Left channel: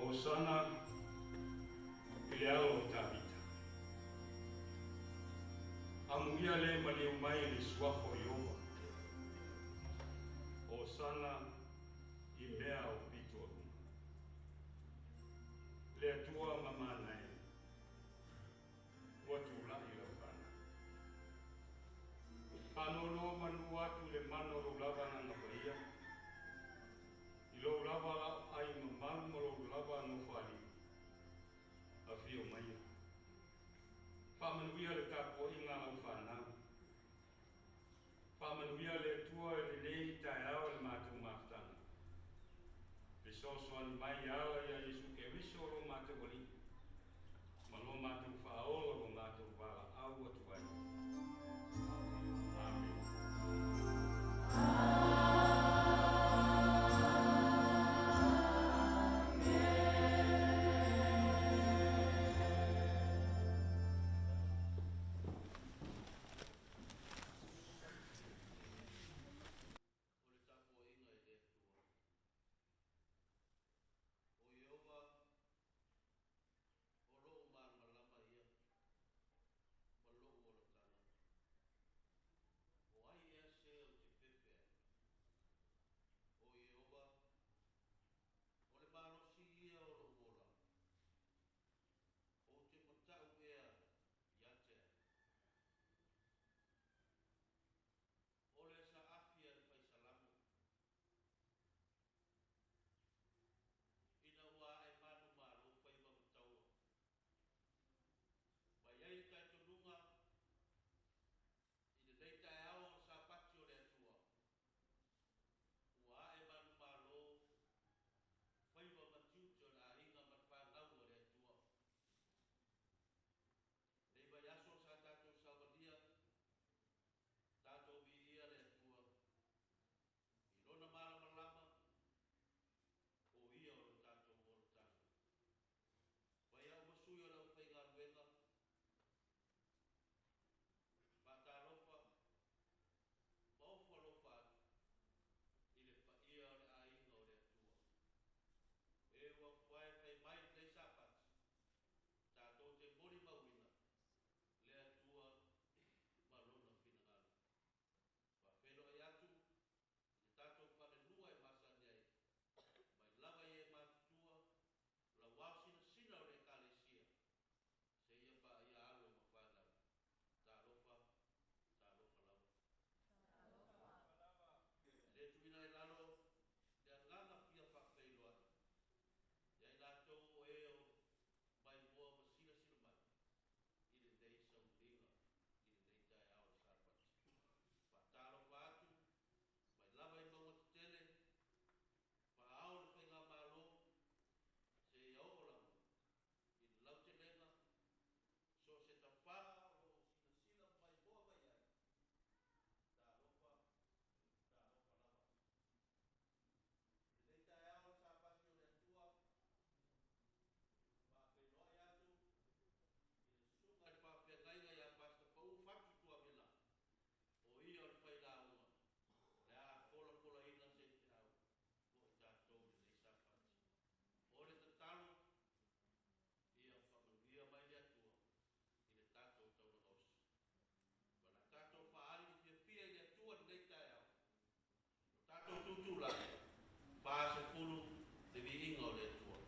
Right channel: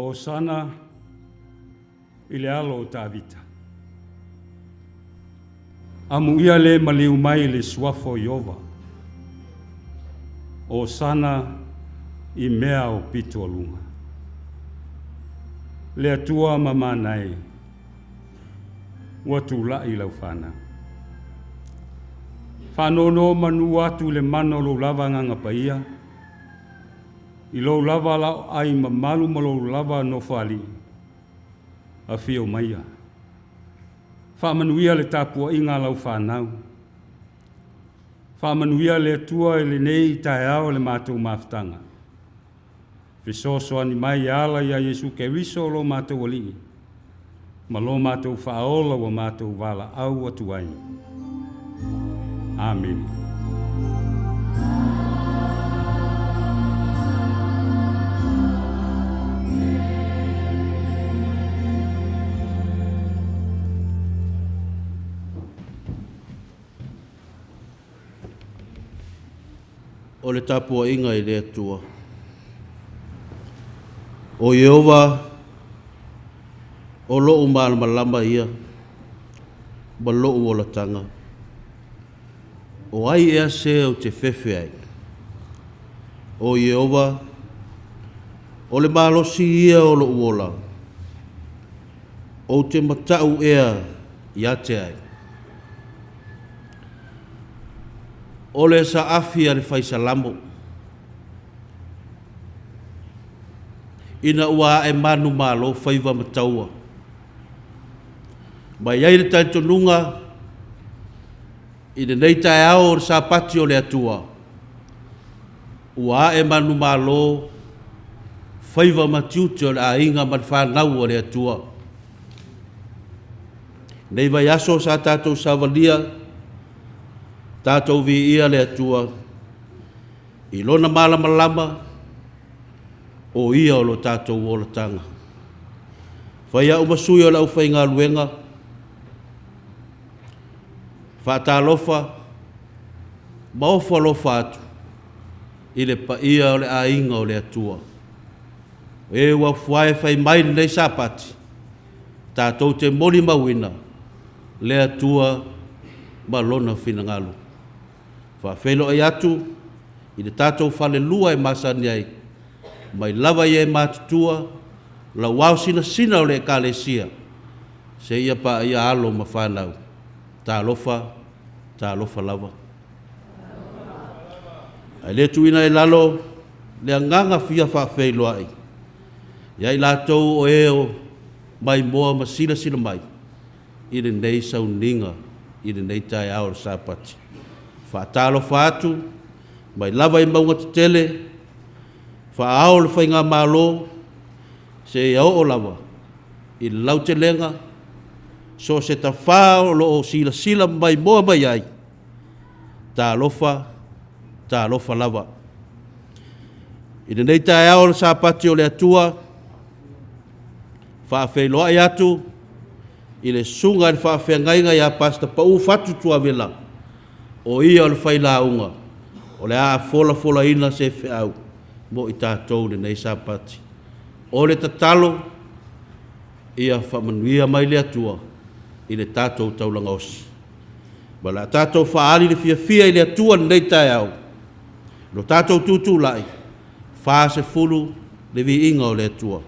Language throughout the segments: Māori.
O sana i le alo o tāwita. Amu ia le maliu mai le suafo Iova. O sana i mea o pito alunga. Le atua mamanai. Ua tula i lau whana. Whanono manu atu le mano lo lava nganga paia. I lo lava lau ai mamalu ma lo lava no whali. A whio maia. Whamanuia le tapua inga lau whanau. Whamanuia le atua e le nei tae ao le mātou maftanga. Fisoso ani mai ala ia Yesu ke riso lo mātou ali. Ma lo mātou whaola wa mātou wala au atu ai. Amen. O le tapua inga i le atua. O Iova, o loo malama ia, ma loo o la tanga. O ai ea se o te fefe ai. O Iova, o le malosi ia o loo ola. O te matau ea ia te ai. O le sa afia le faisalamo. Ina ua e manu malo faiva mataua. Mai ai le taitonunga, ina nei tae ao o le sapati o le atua. Ua e manu malo faiva matiuti o le ainga man whanau o le atua. Nei vai aso sa tātou savalia, tātou vi ia le atua, i lona malama o ia o lo tātou o la tanga. Whai au masui o lau whai ngā luenga, whaatalofa, maofa lofa atu, i le pa ia o le ainga o le atua. E wa fuae whai mai nei sapati, tātou te moni mawina, le atua ma lona whina ngalu. Whawhelo ai atu, i le tātou whale lua e masani ai, mai lava i e mātutua, la wau sina o le kālesia, se ia pa ia alo ma whanau, tā lofa lava. Ai le tuina e lalo, le anganga fia whawhelo ai, iai lātou o eo mai moa ma sina mai, i le nei Sauniga, i le nei tae ao Sapati. Whaatalo whaatu, mai lava i maunga te tele, whaao le whainga malo, se ia o lava, i lau te lenga, so se ta whao lo o sila mai moa mai ai, tā lofa lava. I le nei tae ao le Sapati o le atua, whaawheloa ai atu, i le sunga i whaawhengainga i a pasta pau fatu Tuavela, o ia o le whailaunga, o le a fola ina se whiau, mo i tātou le nei Sapati. O le tatalo, ia whamanuia mai le atua, i le tātou taulanga osi. Ma la tātou whaali le fia i le atua nei tae au. Lo tātou tūtū lai, wha se fulu le vi inga o le atua.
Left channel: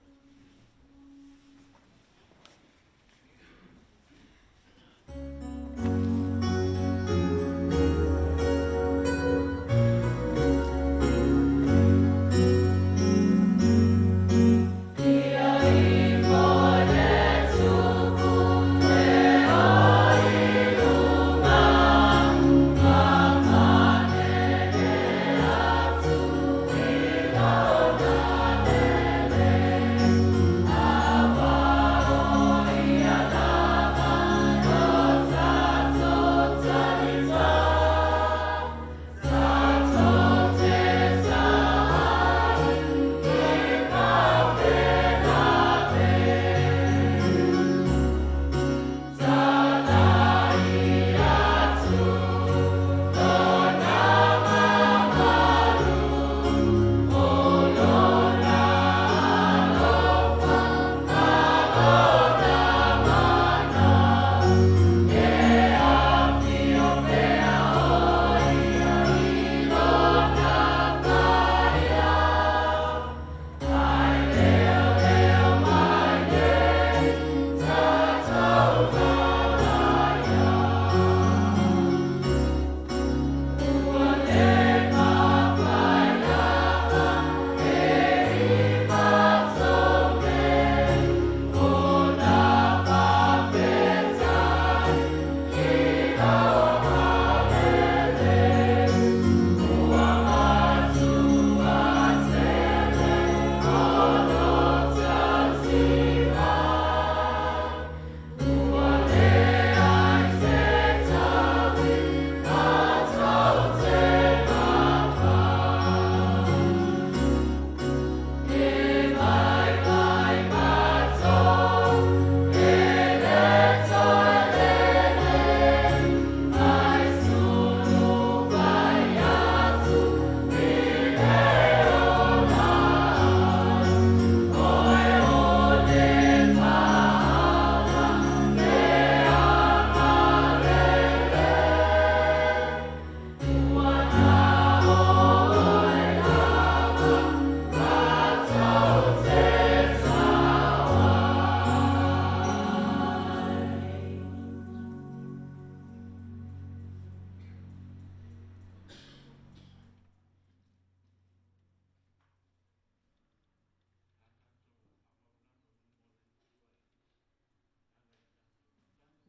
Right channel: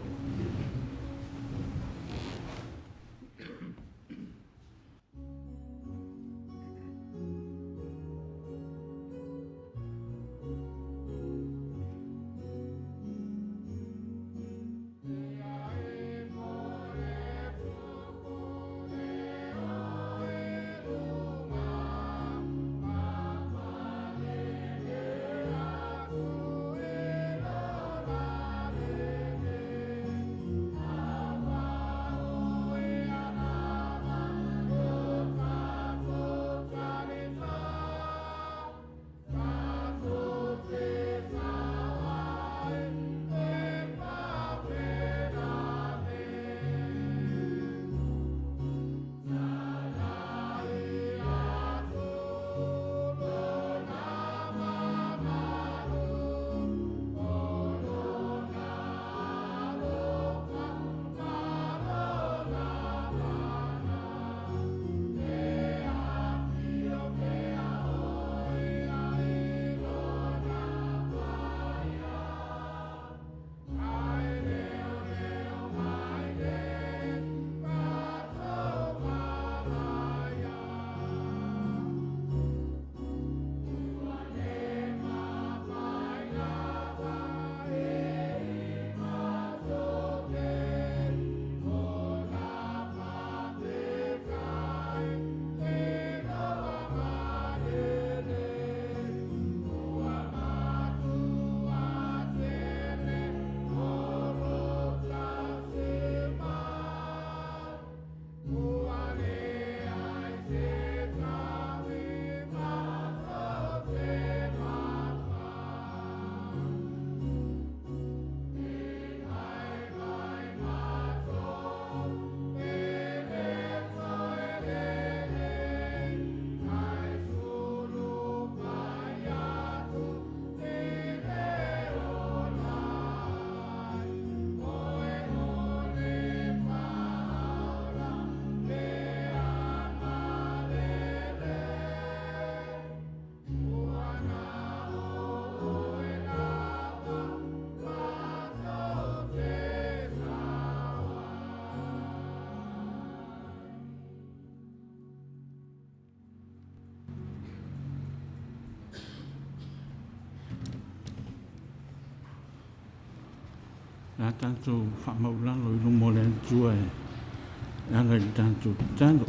la tanto whamaulang lo mo le tua e anga i tanto tano.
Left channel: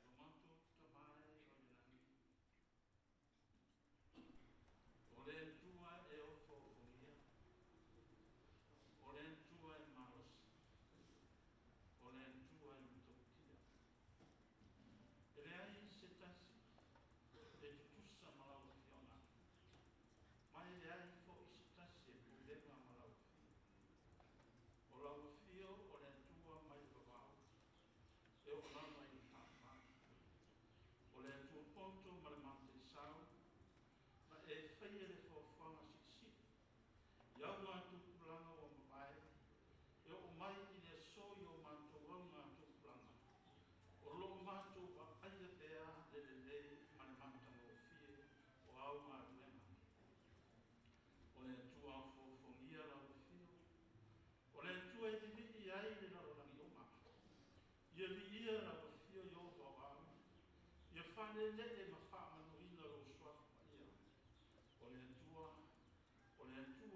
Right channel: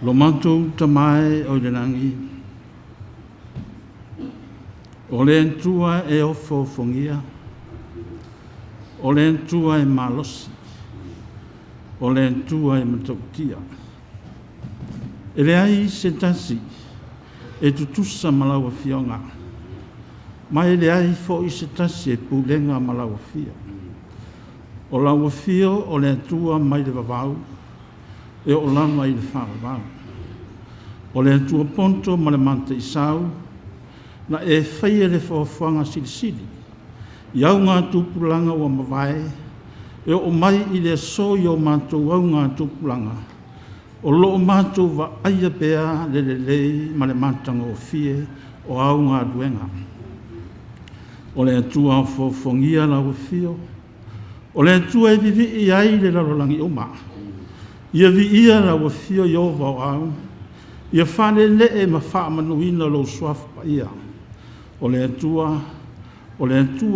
Lo mantu tamai o le nangi. O le entua e ofo fongia. O le entua e malosi. O le entua e matautia. E le ai se tasi e tutusa malawa fionga. Mai le ai fo i se tasi e pulenga malawa fia. O lawa fio o le entua mai le vavau. E o lama i le whāwau. O le atua ponto ma le manta i sau, na e whaia le whawhanga silisili. Iau ngā tūpulanga wa mawai, e o mai i le so i o mātou au ngā tūpulanga. O loo mātou wa aia pēa le lei ma le matanga o fie o au ngā duenga. O le atua o whongia la o fio, o le atua e vivi i ai le lalolangi o maa. Ia vi ia la wa fio yo va au. Ia fane le e ma fa manuina lo swaf pa ia. O le tua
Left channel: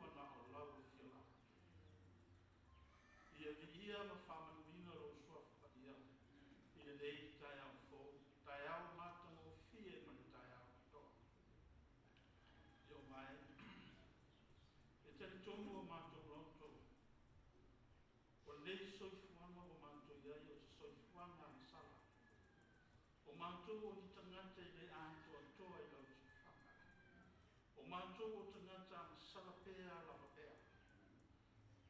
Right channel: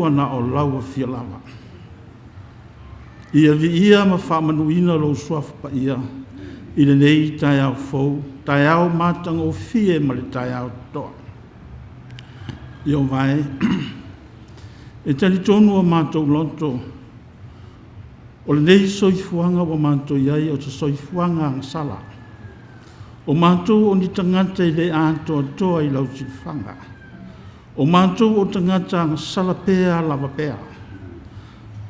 na o la wa fio lava. Ia vi ia ma fa manuina lo swaf pa ia. I le nei tai au fou, tai au matang o fie ma le tai au toa. Io vai. E tali tonu o matou lonto. O le nei soifuanga wa manto iai o te soifuanga ang sala. O manto o ni tangata i le anto toa i lau tifanga. O manto o tangata ang sala pea lava pea.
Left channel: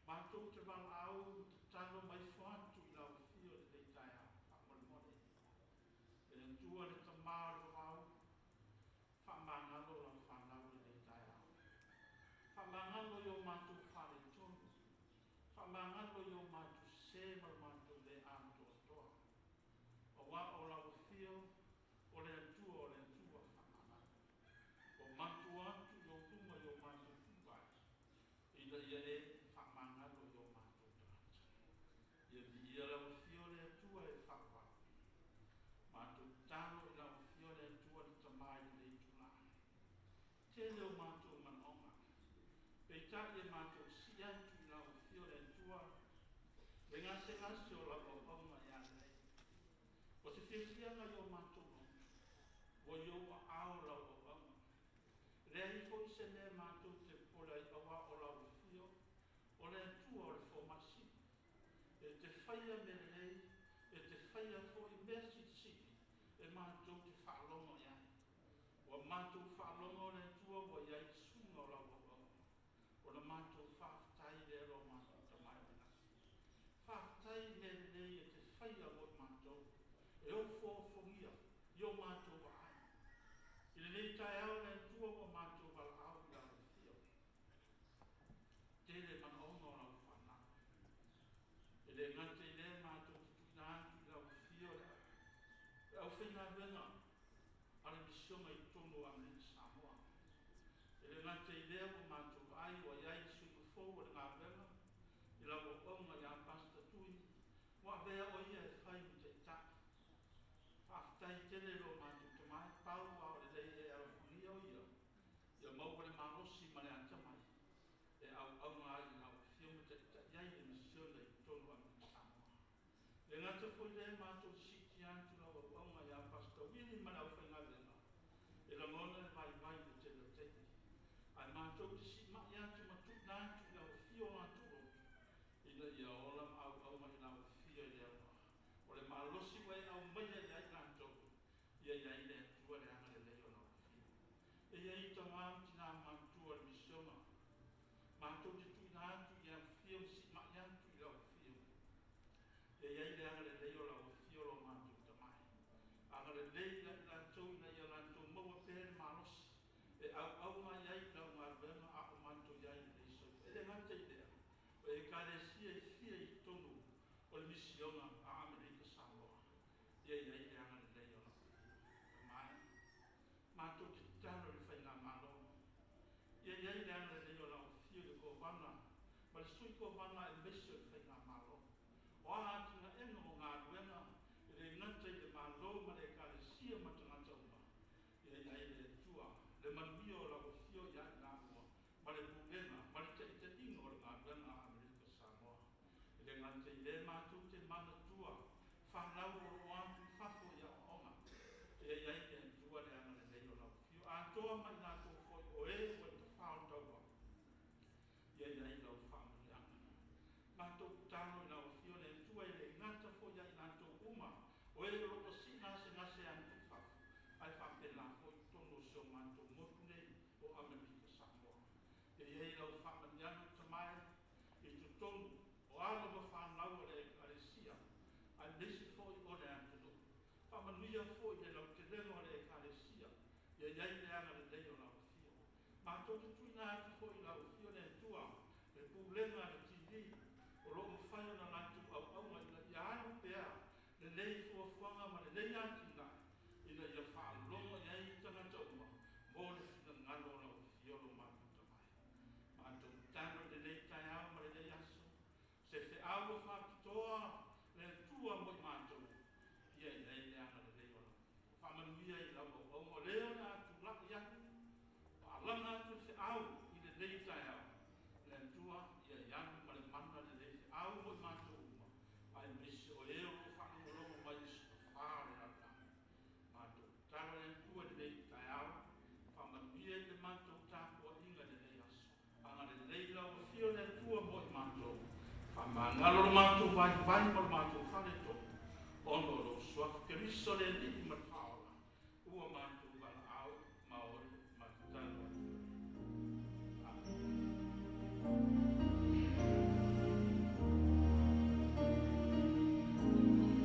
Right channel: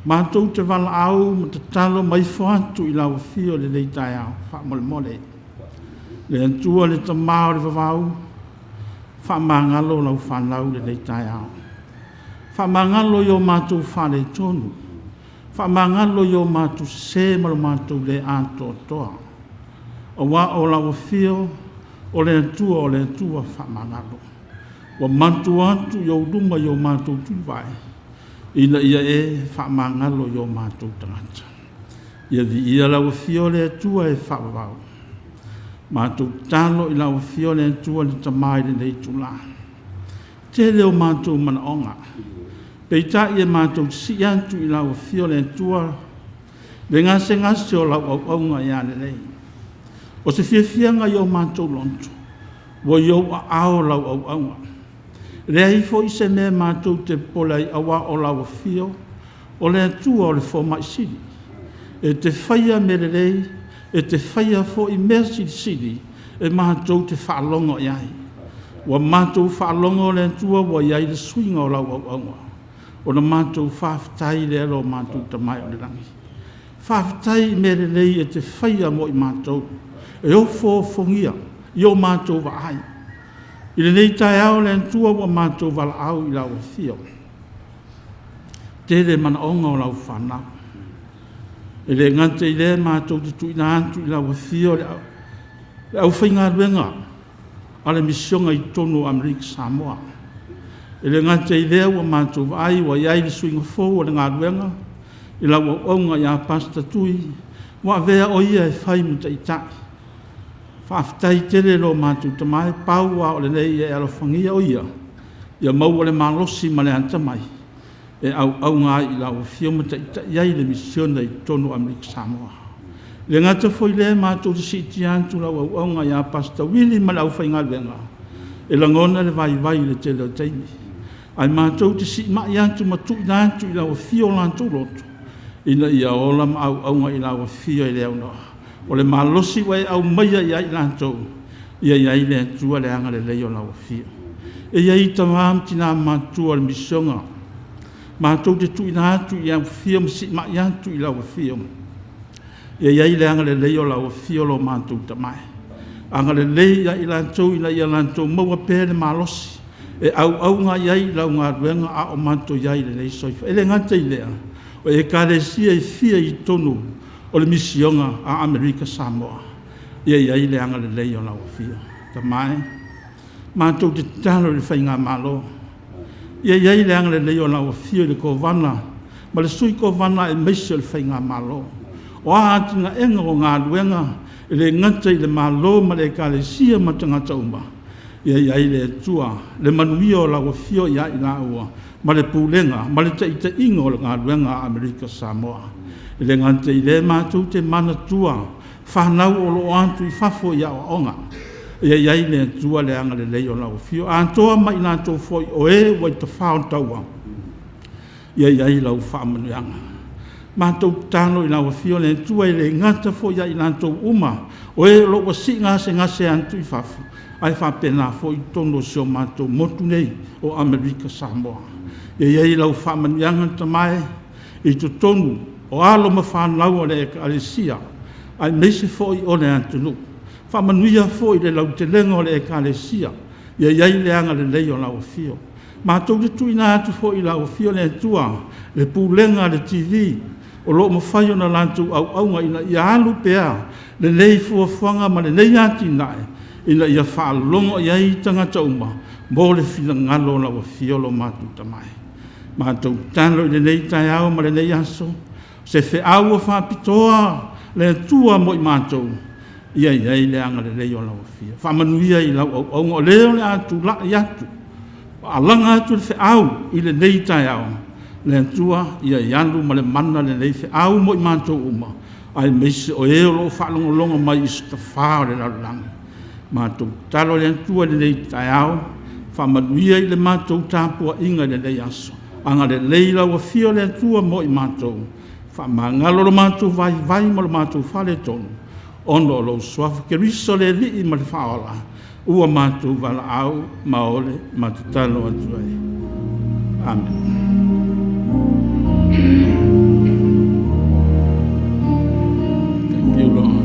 Manto te wala au ma te talo mai fuantu i lau fio le nei tai au, wha mole mole. Le antua le tamao le vavau, wha mangalo lau whanau le nei tai au. Wha mangalo yo manto wha le tonu. Whamangalo yo mātu se malo mātu le anto toa. O wā o lawa fio, o le atua whamangalo. Wa mantu antu yo luma yo mātu tuwai. Ina ia e whamangalo yo mātu tangata. Ia vi ia lawa fio le atua e whawawau. Mātu talo i lawa fio le atua le tamai le nei tula. Te leo mātu mana onga. Pei ta ia mātou si antu i lau fio le tua, le ngase o lau au nga i ane nei. O se fianga i o mātou lontu, wo i o ao lau au nga. Le haifo i se mea mātou te pola i awa o lau fio, o le tua o le fo mai siri. E te whaia me le rei, e te whaia fo i mea siri, e mātou te whaalongo i ai. Wa mātou whaalongo le tua, wa i ai le swinga o lau au nga. O na mātou whaafitai le alo mātou tamai o le rangi. Whaafitai me le lei e te whaia mo i mātou. E o fongia, i o mātou wa ai. I le nei tai au le antua wa mātou wala au i lau fio. Te le mana onga o lau whanau. E le ngante i le mātou te tuina antu i lau fio le au whainga ruenga. A le misionga i tonu Amerika Samoa. E le ngate i lea wa mātou ai wa iai le suinga fōu o le ngā ruenga. I la wa onga i a pasta tui. Wa vea o ia e whai muta i tai. Whaafitai tele lo mātou tamai. Pau wa o le nei e alofangia o ia. Ia mau o le malosi ma le antamai. E au ngā i la wa fio muta i tai. Iai le misiona i tonu Amerika Samoa. Le ngata foi le mātou te siti antu la wa onga i a pasta wili ma le au whai ngā ruenga. E langona le vai le tele o teimi. Ai mātou te si mai antu matu i nantu i lawa fio lantou lotu. Ina ia ola ma au nga i lawa fio i leo noa. O le malosi wai au maia i ai lantou. Ia i le antua le anga le leo lawa fio. E ia i tamam tina mātua le misionga. Mātou te tu i nantu i au fio msi mai antu i lawa fio. Ia i le anga le leo lawa fio lo mātou tamai. Anga le leo i lantou ina ia lantou maua pēle malosi. E au ngā iai lau ngā ruenga a o manto iai le nei soifa. E le ngata i lea. O e kāresia i fia i tonu o le misionga a Amerika Samoa. Ia iai le anga le lei o lau fia. Ta mai, mātou te talo le whainga malo. Ia iai le anga le leo la o fio le ko vana, ma le sui ko vana e meise le whainga malo. O a atinga enga o ngā luenga, e le ngata i le malo ma le ka le sia ma tangata uma. Ia iai le tua, le manuia o la o fio ia i la ua, ma le pūlenga, ma le ta ingo o le ngā luenga Amerika Samoa. E le ngata i le mātou te mana tua, whanau o lo antu i fafo ia o onga. Ia iai le tua le anga le leo la o fio. Antoa mai nā tō foi o e wai ta whao taua. Ia iai lau whaamanuanga. Mātou tāno i la o fio le tua i le ngata foi ia i nā tō uma. O e lo wa si ngase antu i fafo. Ai whapena foi tono sio mātou motu nei o Amerika Samoa. Ia iai lau whaamanuanga tamai i to tonu o alo ma whanau o le e ka alisia. Ai meise foi o le antunu. Whamanuia foi le lau te lengo le e ka alisia. Ia iai le anga le leo lau fio. Mātou le tuina atu foi lau fio le tua. Le pūlenga le TV. O lo mawhai o na lantu au aunga ina ia alu pea. Le nei fuafuanga ma le nei ati nae. Ina ia whaalongo ia i tangata uma. Mo le whina ngalo lau fio lo mātou tamai. Mātou tano i le nei tai au ma le nei aso. Se fe au o whapitoa le tua mo i mātou. Ia iai le anga le leo lau fia. Whamanuia i lau au aunga o leo le atu la i atu. Alanga atu le fe au i le nei tai au. Le tua ia iandu ma le mana le nei fe au mo i mātou uma. Ai meise o eo lo whalongolonga mai i stafao le lalangi. Mātou talo le tua le nei tai au. Whamanuia i le mātou tāpua inga le nei aso. Anga le lei lau fia le tua mo i mātou. Whamangalo lo mātou vai mo lo mātou whale tonu. Ono lo suafa ke riso le li i ma le whaola. Ua mātou wala au maole mātutalo atu ai. Amen. Thank you, Lord.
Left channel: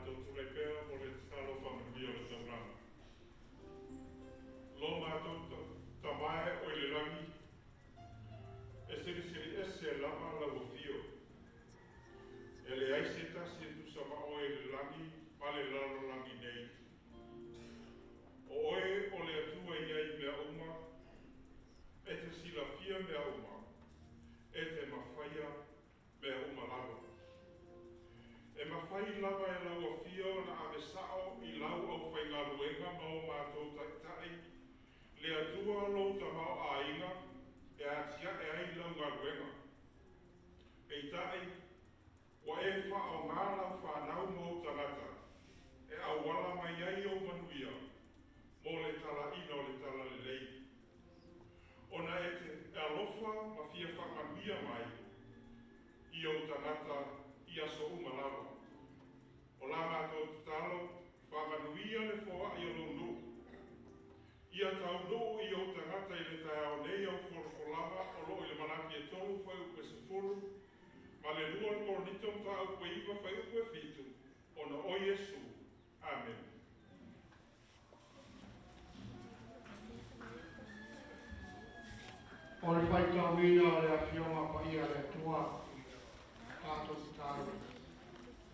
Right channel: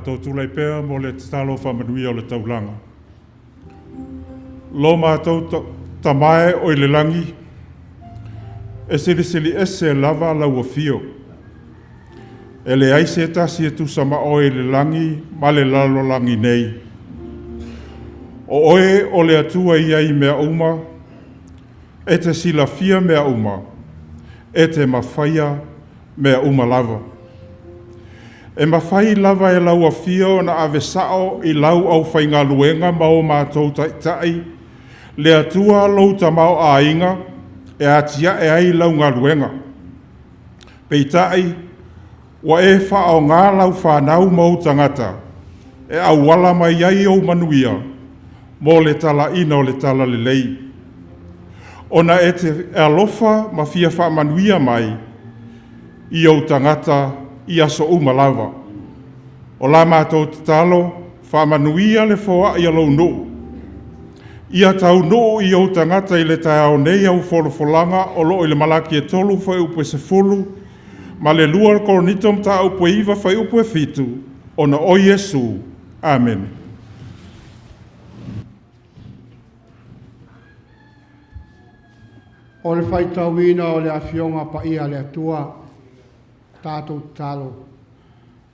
Tātou tūlei pēr mo le talo whamanui o le taulanga. Lo mātou tamae o le langi, e sili ese lava lau fio. E le aise tasi e tu sama o le langi, ma le lalo langi nei. O oe o le atua iai mea uma, e te sila fia mea uma, e te mawhaia mea uma lava. E mawhai lava e lau a fio na ave sao i lau au whainga luenga ma o mātou tai, le atua lau tamau a inga, e atia e ai lau ngā luenga. Peitai, wa e whao ngā lau whanau mau tangata, e au wala mai ai o manuia, mo le tala ina o le tala le lei. Ona e te alofa ma fia wha manuia mai, i au tangata i aso umalava. O la mātou te talo, wha manuia le foa i alau no. Ia tau no i au tangata i le tai au nei au wholofolanga o lo i le malaki e tolu whai upe se fulu, ma le lua le koronitom ta upe iwa whai upe fitu, ona o Yesu. Amen. O le whaitawina o le awhionga pa ia le atua, tātou talo.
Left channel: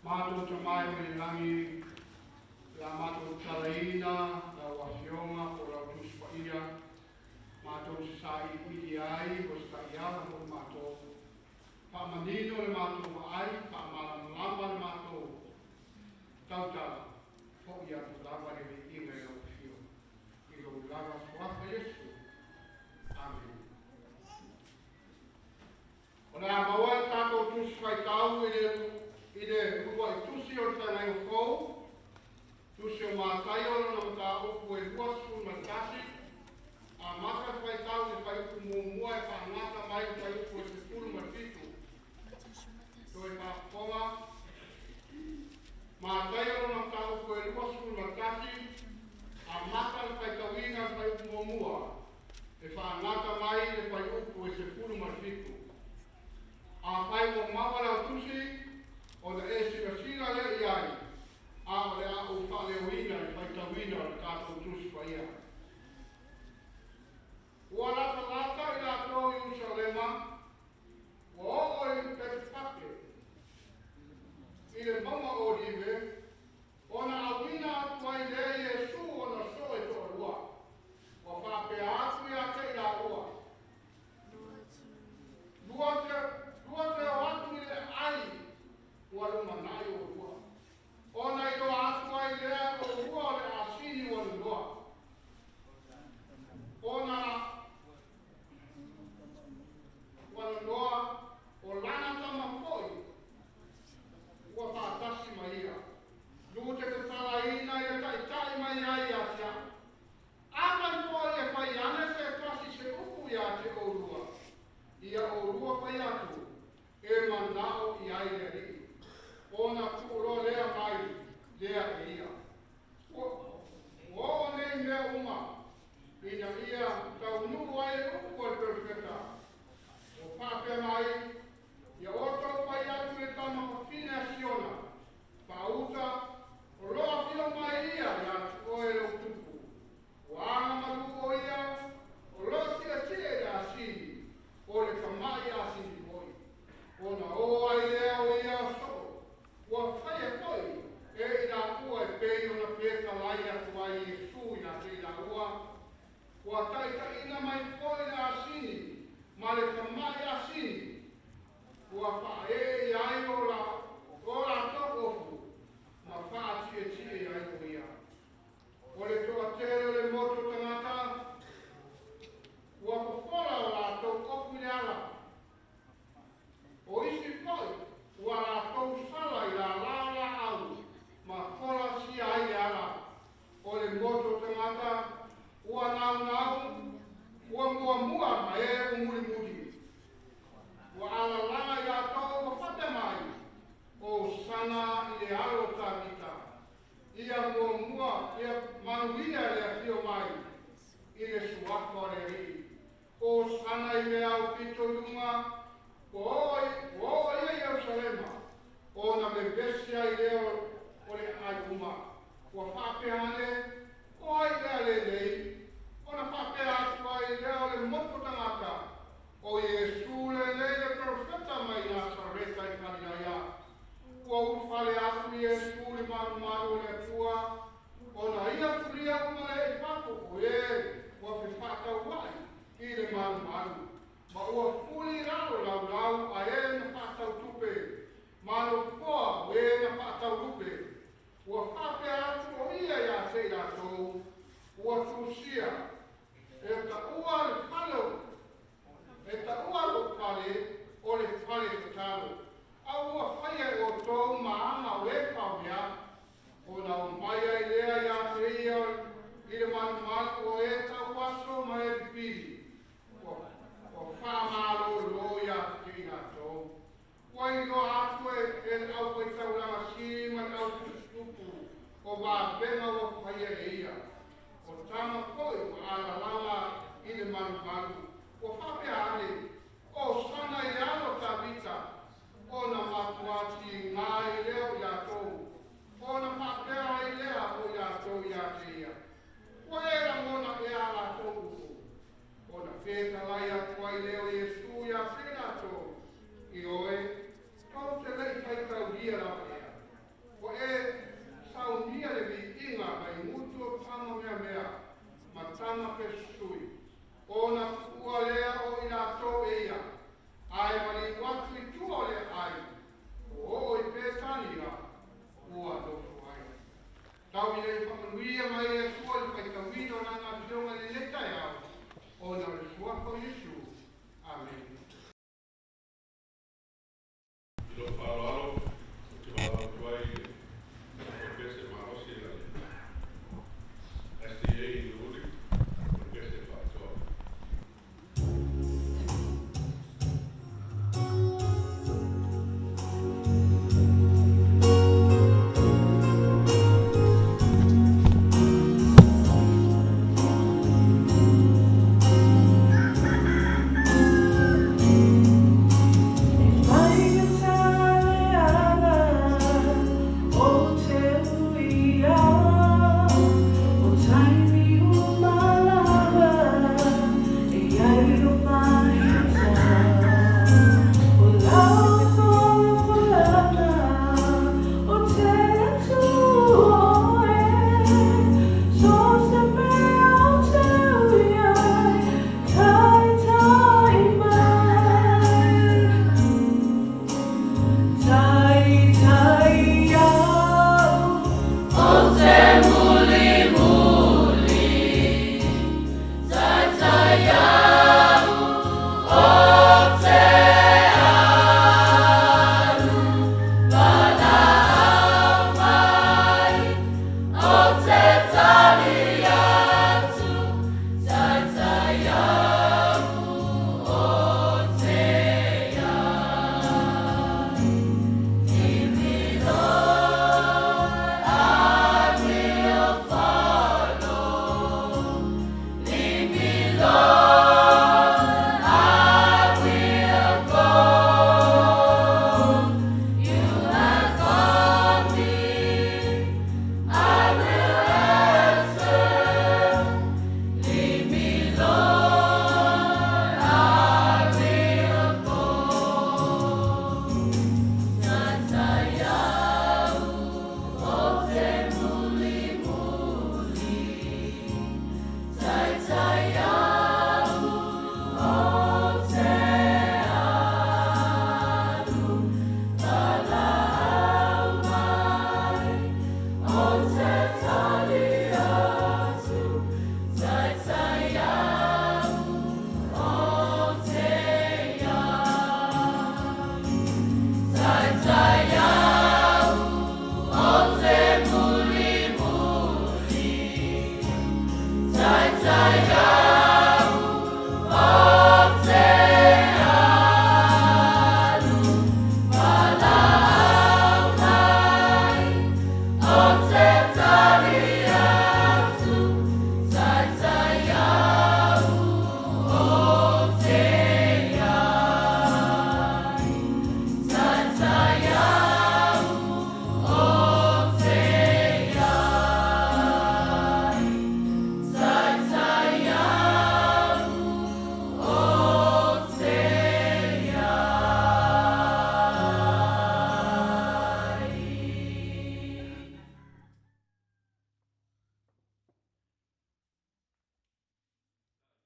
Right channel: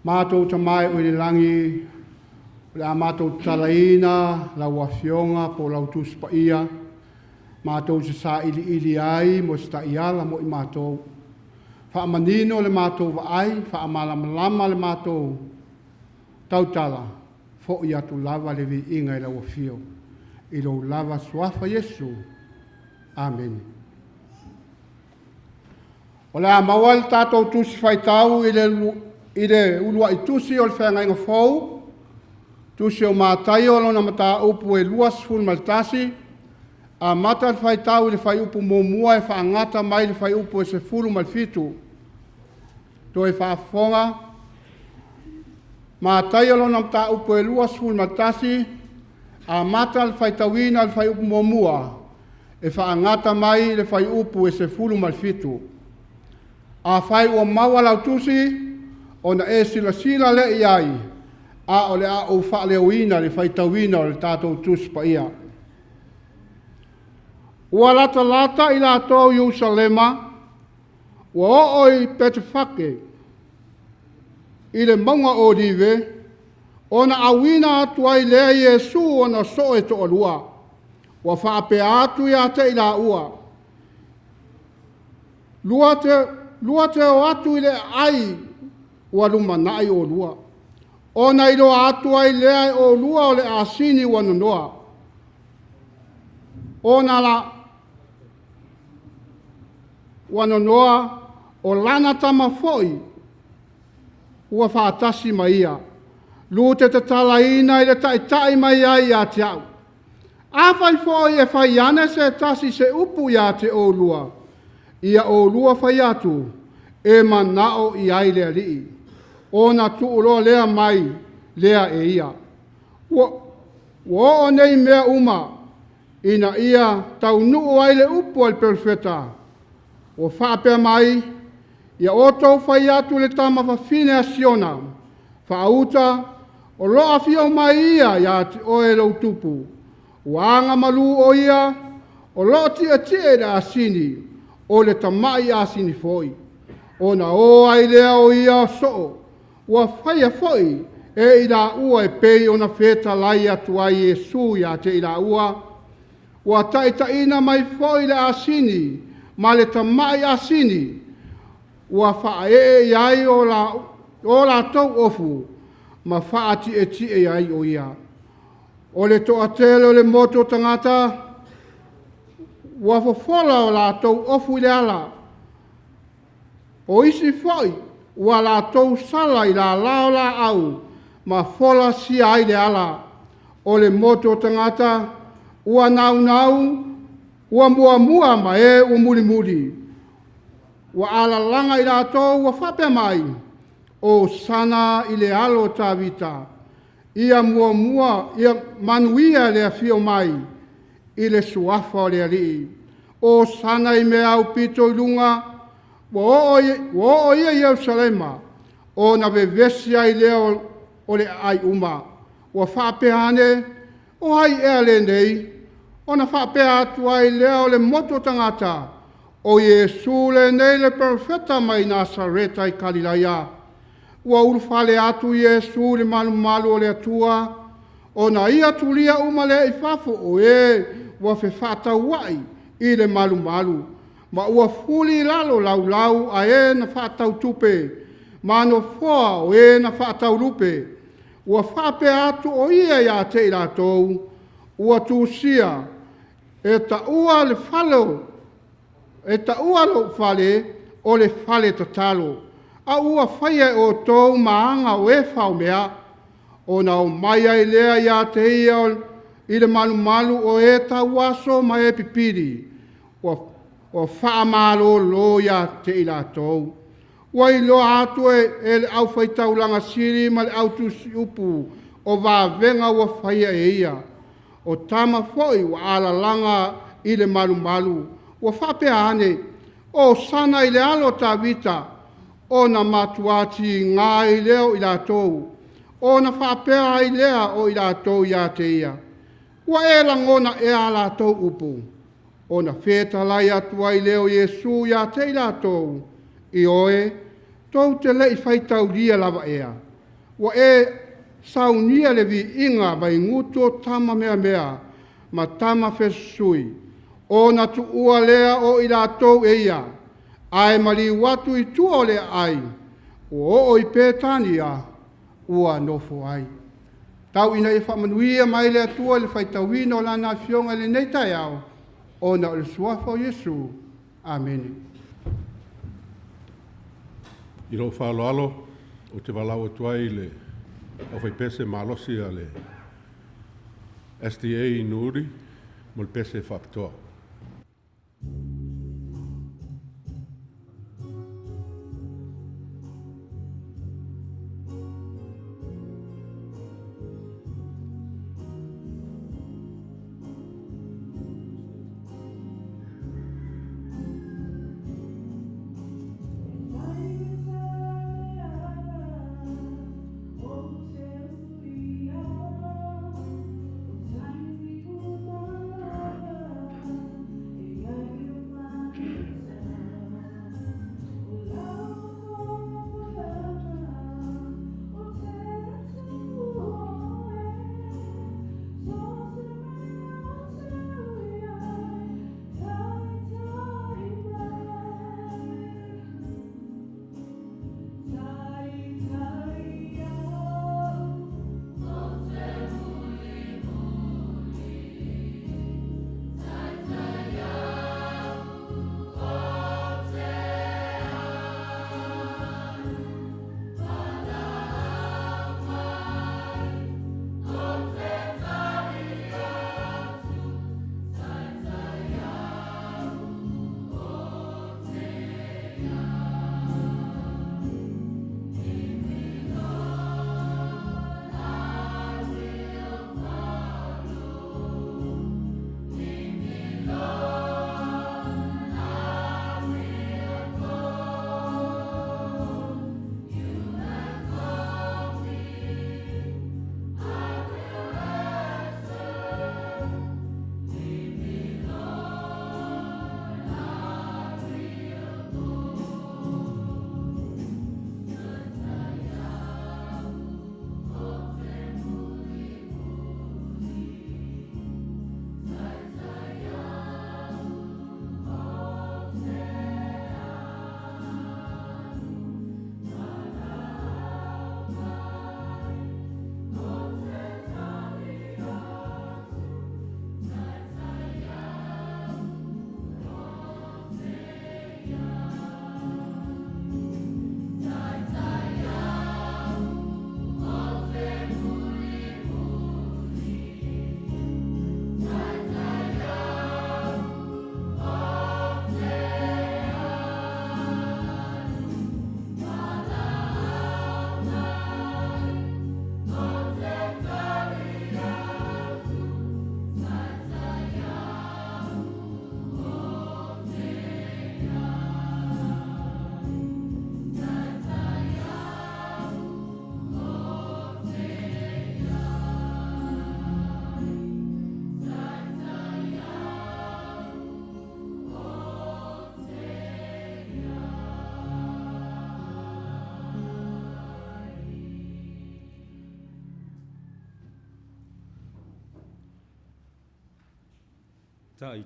Mātou tamai o le langi, le a mātou talaina, lau awhionga po lau tus pa ia, mātou se sa ili ai, mo sta iala mo i mātou. Whaamanino le mātou waai, whaamalamalama le mātou tautala, fo i atu lava le vi inga i lau awhio. I lau lava suafa Yesu. Amen. O le amawal tātou tusi whaitau i le ulua i tusi o le whenga inga fau, tusi o mātai o lona mata upu e luas fun maltasi, a mata le whaitau i le whai upu mōmua e whaangata mai le whai upu e se fulu malfitu. To e whaafonga, mātai o lona mata upu e luas fun maltasi, a mata le whaitauina le whai upu mōmua, e whaangata mai le whai upu e se fulu malfitu. A whai ua maua lau tusi, o na e sila le iai, a o le a o wha leo le whai tauina o le tātou tusi pa ia. Ua lata i la tō Jerusalema, ua o oi pete whake, i le maunga o dive, o na awina atu ai lea Yesu o na so e to alua, ua whaape atu i ate i la ua. Lua te o atu i le ai ua lumanai o lua. O na ilo atu ai lea o lua o le asini ua nonoa. O na la ua nonoa o lana tama foi ua whaatasi mai ia. Lute te talaina i le tai mai ai a te au. A whai foi e whai ane se tasi se upu ia te o lua. Ia o lua whai atu, e manao i ai lea lii. O na tuuloa lea mai, lea e ia. Wo o nei mea uma, ina ia tau nuu ai le upu al perfeta. O whaapea mai, ia o tau whai atu le tama whawhine a siona. Whaauta, o loa whio mai ia te oe lau tupu. Wanga malu o ia, o loa tia tia a sini. O le tamai a sini foi. O na o ai lea o ia so. Ua whaia foi e i la ua e pei o na wheta lai atu ai Yesu ia te i la ua. Ua taitaina mai foi le a sini, ma le tamai a sini. Ua wha e ai o la tau ofu, ma wha ti e ai o ia. O le toa tele o le moto tangata, ua fofola o la tau ofu i le ala. O isi foi, ua la tau sala i la lao la au, ma fola si ai le ala. O le moto tangata, ua nau, ua mua ma e ua muri. Ua ala langa i la tau, ua whape mai, o sana i le alo ta vita. Ia ia manuia le afio mai, i le suafa o le alii. O sana i mea au pito i lunga, wo o ia Jerusalema, o na vevesia i leo o le ai uma. Ua whaapehane o hai ea le nei, o na whaapea atu ai lea o le moto tangata, o Iesu le nei le profeta mai Nasareta i Kalilaia. Ua urufale atu Iesu le malu o le atua, o na ia tulia uma le i fafo o ua whewhata wai i le malu. Ma ua fuli lalo lau a na whatau tupe, ma no foa o na whatau lupe. Ua whape atu o ia te i ratou, ua tūsia, e ta ua le whalo, e ta ua lo whale o le whale tatalo. A ua whaia o tōu maanga o whao mea, o na o mai ai lea ia te ia i le malu o ta waso mai pipiri. O whaamalo lo ia te i ratou. Ua i loa atu e le au whaitaulanga siri ma le au tusi upu o venga ua whaia e ia. O tama foi ua alalanga i le malu. Ua whape ane o sana i le alo ta vita o na matuati ngā i leo i ratou. O na whapea i lea o i ratou ia te ia. Ua e langona e a ratou upu. O na wheta lai atua i leo Iesu ia te i ratou. I oe, tau te lei whaitau lia lava ea. Ua e saunia le vi inga mai nguto tama mea, ma tama fesui. O na tu ua lea o i ratou e ia. Ai mali watu i tua le ai. O i pētania, ua nofo ai. Tau ina i whamanuia mai le atua le whaitauina o lana fionga le neitai au. O na o le suafa o Iesu. Amen. I lo whaaloalo o te walau tuai le o whai pese malosi a le SDA i Nuuuli mo le pese whapatoa. Time you my lover,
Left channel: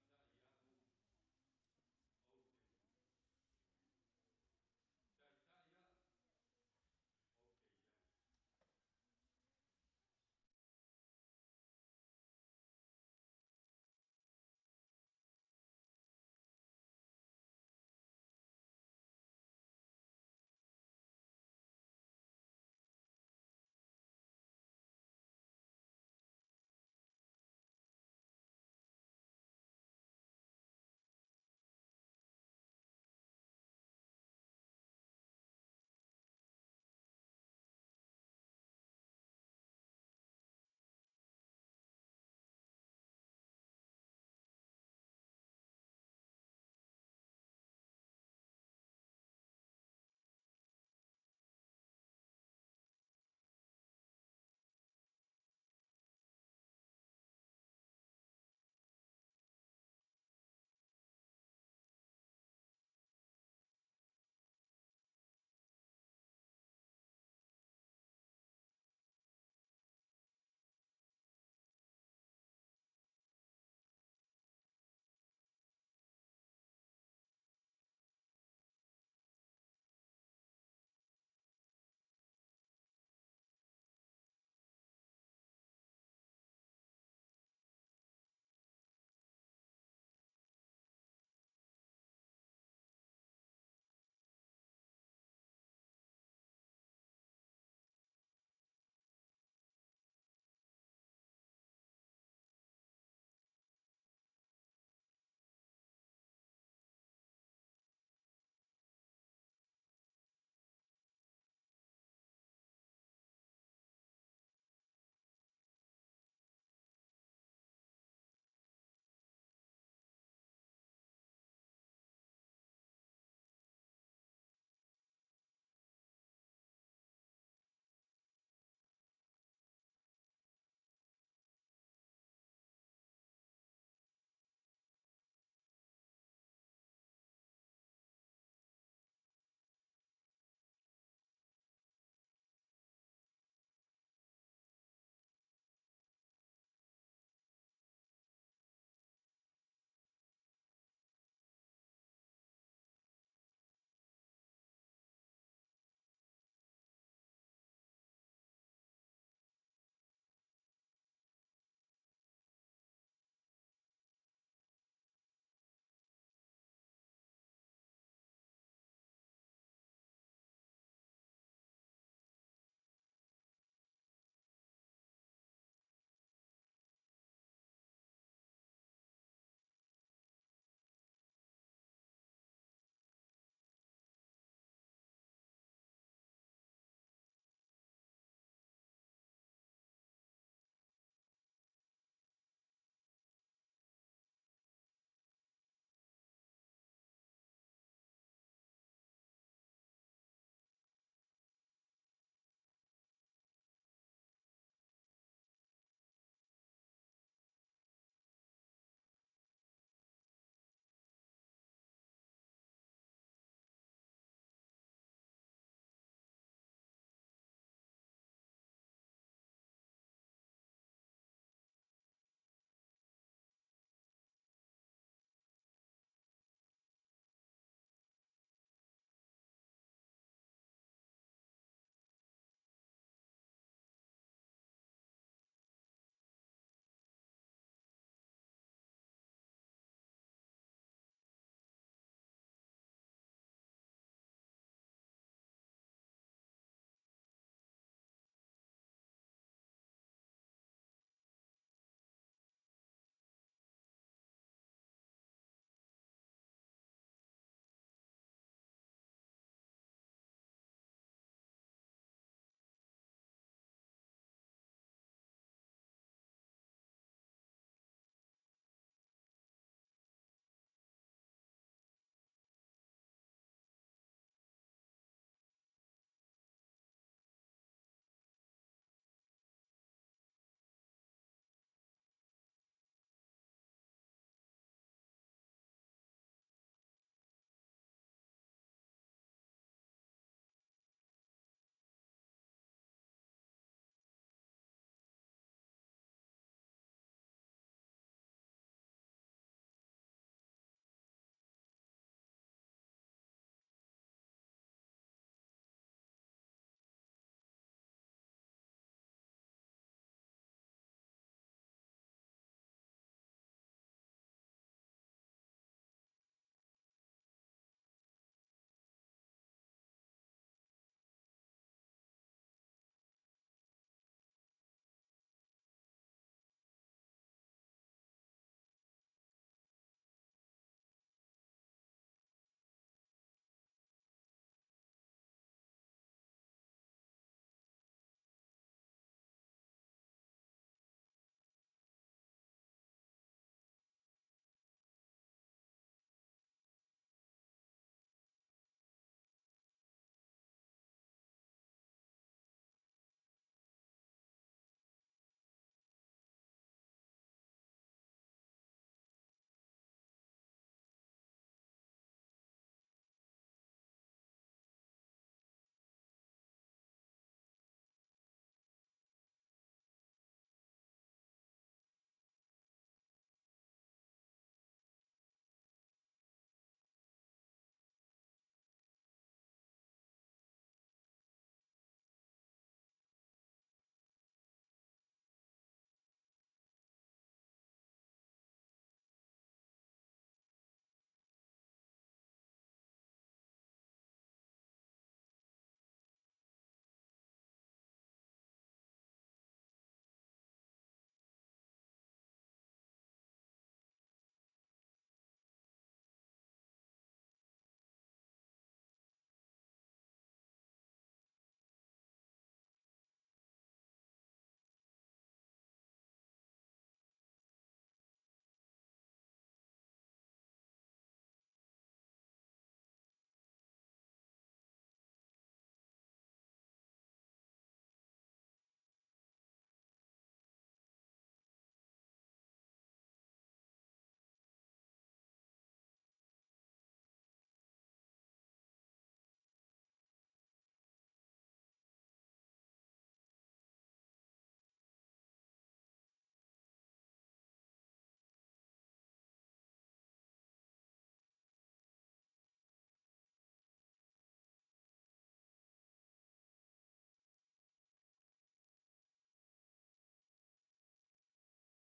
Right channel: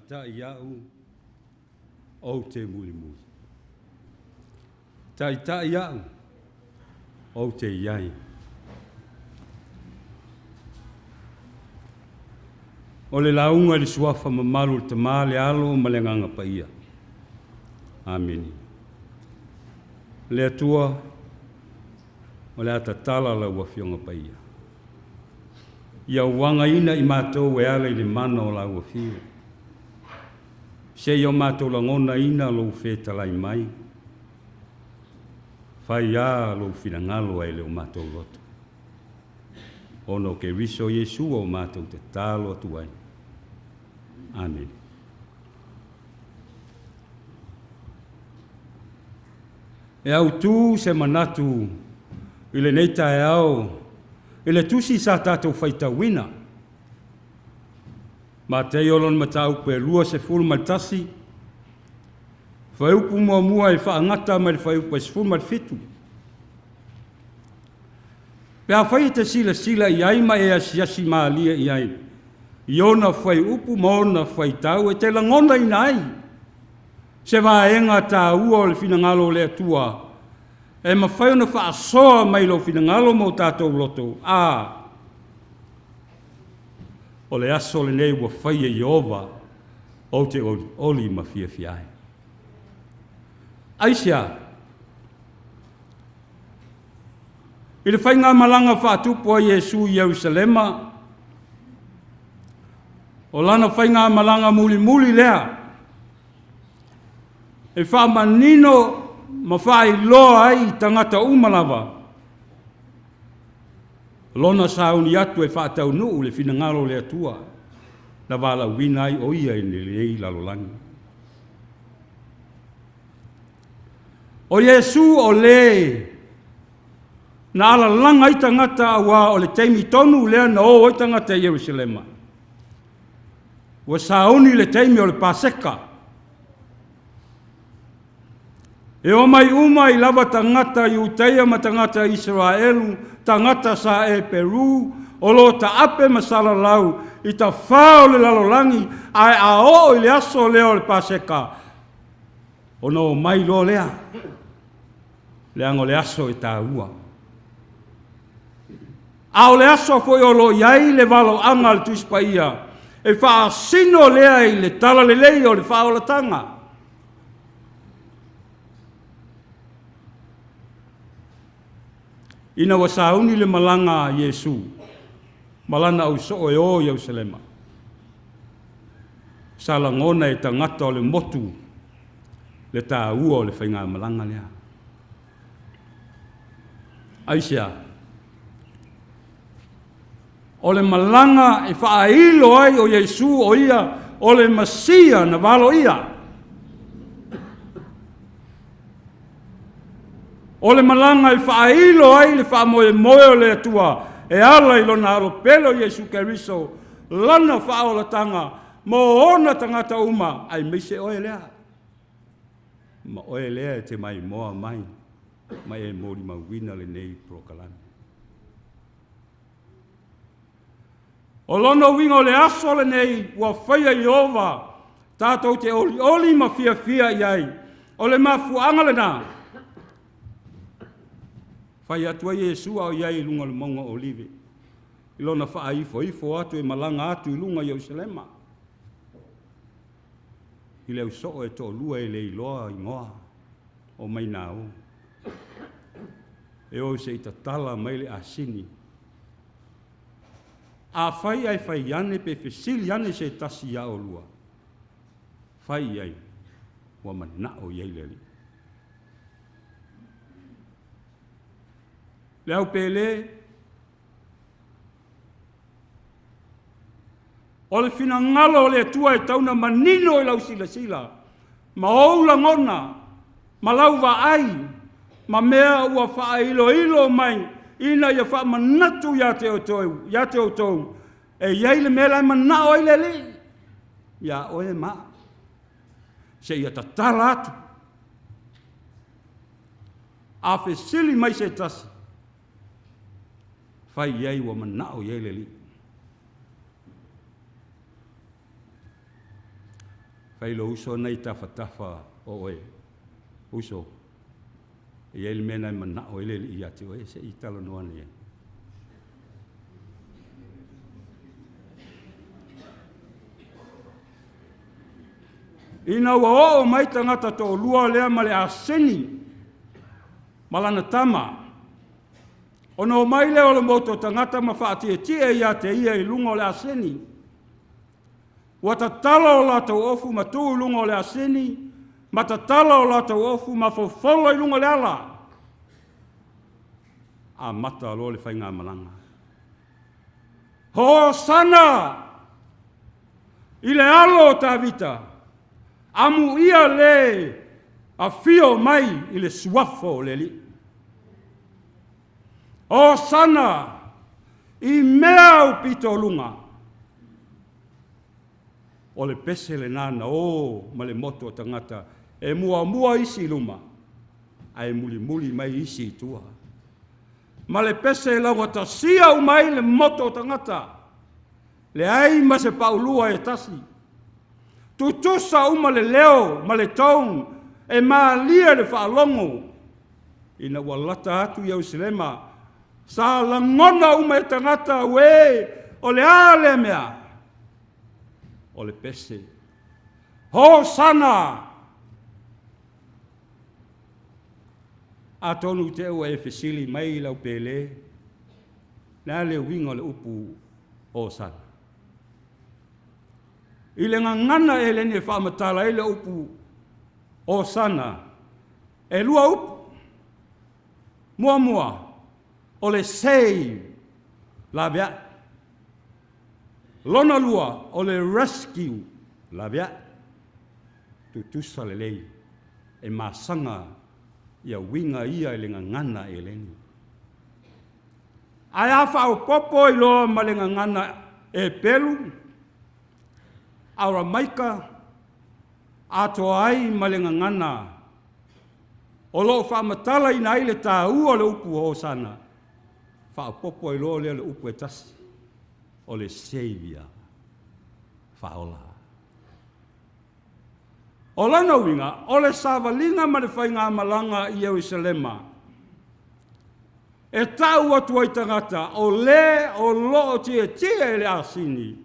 tai au o te muli muli. Tai au o te iai. O le launga le suafa mamalu le tamale alo ma le nganga paia. Amen. Le atua o le atatala la ua fionga paia. Ia wanga ina i mātou e ala i le mana o la ua fio. Se i o mātou la ngona ina lo whetalai mai. Whai a lo whingalo ai le o mātou loto. Ono ke riso Yesu o mātou te talo atu ai. Amen. E au tu se manatu i le neita e au i le tusi sa tātou whaitawina. Ma te iolon matau pe lua se fulu maltasi. Whaupu mua i whaangata mai whaupu e se fulu malfitu. Pea whai te sila i aima e asiasi maalia i ai. Iona whai upu maona whai tau e te langona i nai. Se vaenga tā ua o le finangalo le atua. E ma whai ona whaasoa mai lo finangalo mo tātou loto. O le aso le nei ua whai e Iova o te oli ma fia fiai. Aisia. I le whai ngā malanga whaatupu a Yesu i Jerusalema. O lana whai ngā malanga muli lea. E wha manino ma whai loa ai tangata umalawa. Lona sauni atu e whaatau nuu le finangalo le atua. Na wala wina ai o ia i lei lalolangi. O Yesu o le na ala langa i tangata awa o le teimi tonu lea na o i tangata i Jerusalema. Wa sauni le teimi o le Paseka. E o mai uma i lava tangata i Uteia ma tangata Israelu, tangata sa e Peru, o lo ta ape masala lau, i ta whao le lalolangi, ai a o i le aso leo le Paseka. O no mai lo lea, le ango le aso i ta ua. A o le aso foi o lo iai le valo anga le tuispaia, e wha sino lea i le tala le lei o le wha o la tanga. Ina wa sauni le malanga Yesu, malana au so o Jerusalema. Salangona e tangata o le motu, le tā ua o le whainga malanga lea. Aisia, o le malanga e whaailo ai o Yesu o ia, o le Masia na walo ia. O le malanga i whaailo ai le whaamoe moe le atua, e ala i lona alo pelo Yesu Keriso, lana whaola tanga, mo ona tangata uma, ai meise oe lea. Ma oe lea e te mai moa mai e mori mawina le nei prokalani. O lono wingo le aso le nei, ua whaia Iova, tātou te oli ma fia iai, o le mafuanga le nā. Whai atua Yesu au iai lunga le maunga olive. I lona wha ifo atu e malanga atu i lunga Jerusalema. I leo so e to lua e le iloa i ngoa o mai nao. E o se itatala mai le asini. A whai ai whai iane pe whesili iane se tasi ia o lua. Whai ai wa manao iai leli. Leo pele, o le fina ngalo le tua e tauna manino e lau sila. Ma oula ngona, ma lau wa ai, ma mea ua wha ilo mai, ina ia wha manatu ia te o tau, e iai le mea lai manao i lele. Ia oe ma, se ia tatala atu. A whesili mai se tasi. Whai iai wa manao iai leli. Whailo uso nei tafa o e. Uso. I ele mena I mana o ele I ati o e se I talo noa ni e. Ina ua o mai tangata to lua lea ma le aseni. Malana tama. Ono mai leo le moto tangata ma whaatia tia ia te ia I lunga o le aseni. Wata tala o lata ofu ma tu lunga o le aseni. Mata tala o lata ofu ma fofolo I lunga le ala. A mata alo le whainga malanga. Ho sana! Ile alo ta vita. Amu ia le a fio mai I le suafo le li. O sana I mea o pito lunga. O le pese le nana o ma le moto o tangata e mua isi luma. Ai muli mai isi tua. Ma le pese la wata sia o mai le moto o tangata. Le ai ma se paulua e tasi. Tutusa uma le leo ma le taun e ma lia le whaalongo. Ina walata atu iau silema. Sa langona uma e tangata we o le ale mea. O le pese. Ho sana! A tonu te ua e fesili mai lau pele. Na le winga le upu o sana. I le ngangana e le ne whaamatala e le upu o sana. E lua upu. Mua. O le save. La vea. Lona lua o le rescue. La vea. Tutusa le lei. E masanga. Ia winga ia le ngangana e leni. Ai awha o popo I loa ma le ngangana e pelu. Aura maika. Ato ai ma le ngangana. O loo whaamatala I nai le tā ua le upu o sana. Wha popo I loa le upu e tasi. O le Savior. Whaola. O lana winga, o le savalinga ma le whainga malanga I Jerusalema. E tau atu ai tangata, o loo tia e le asini.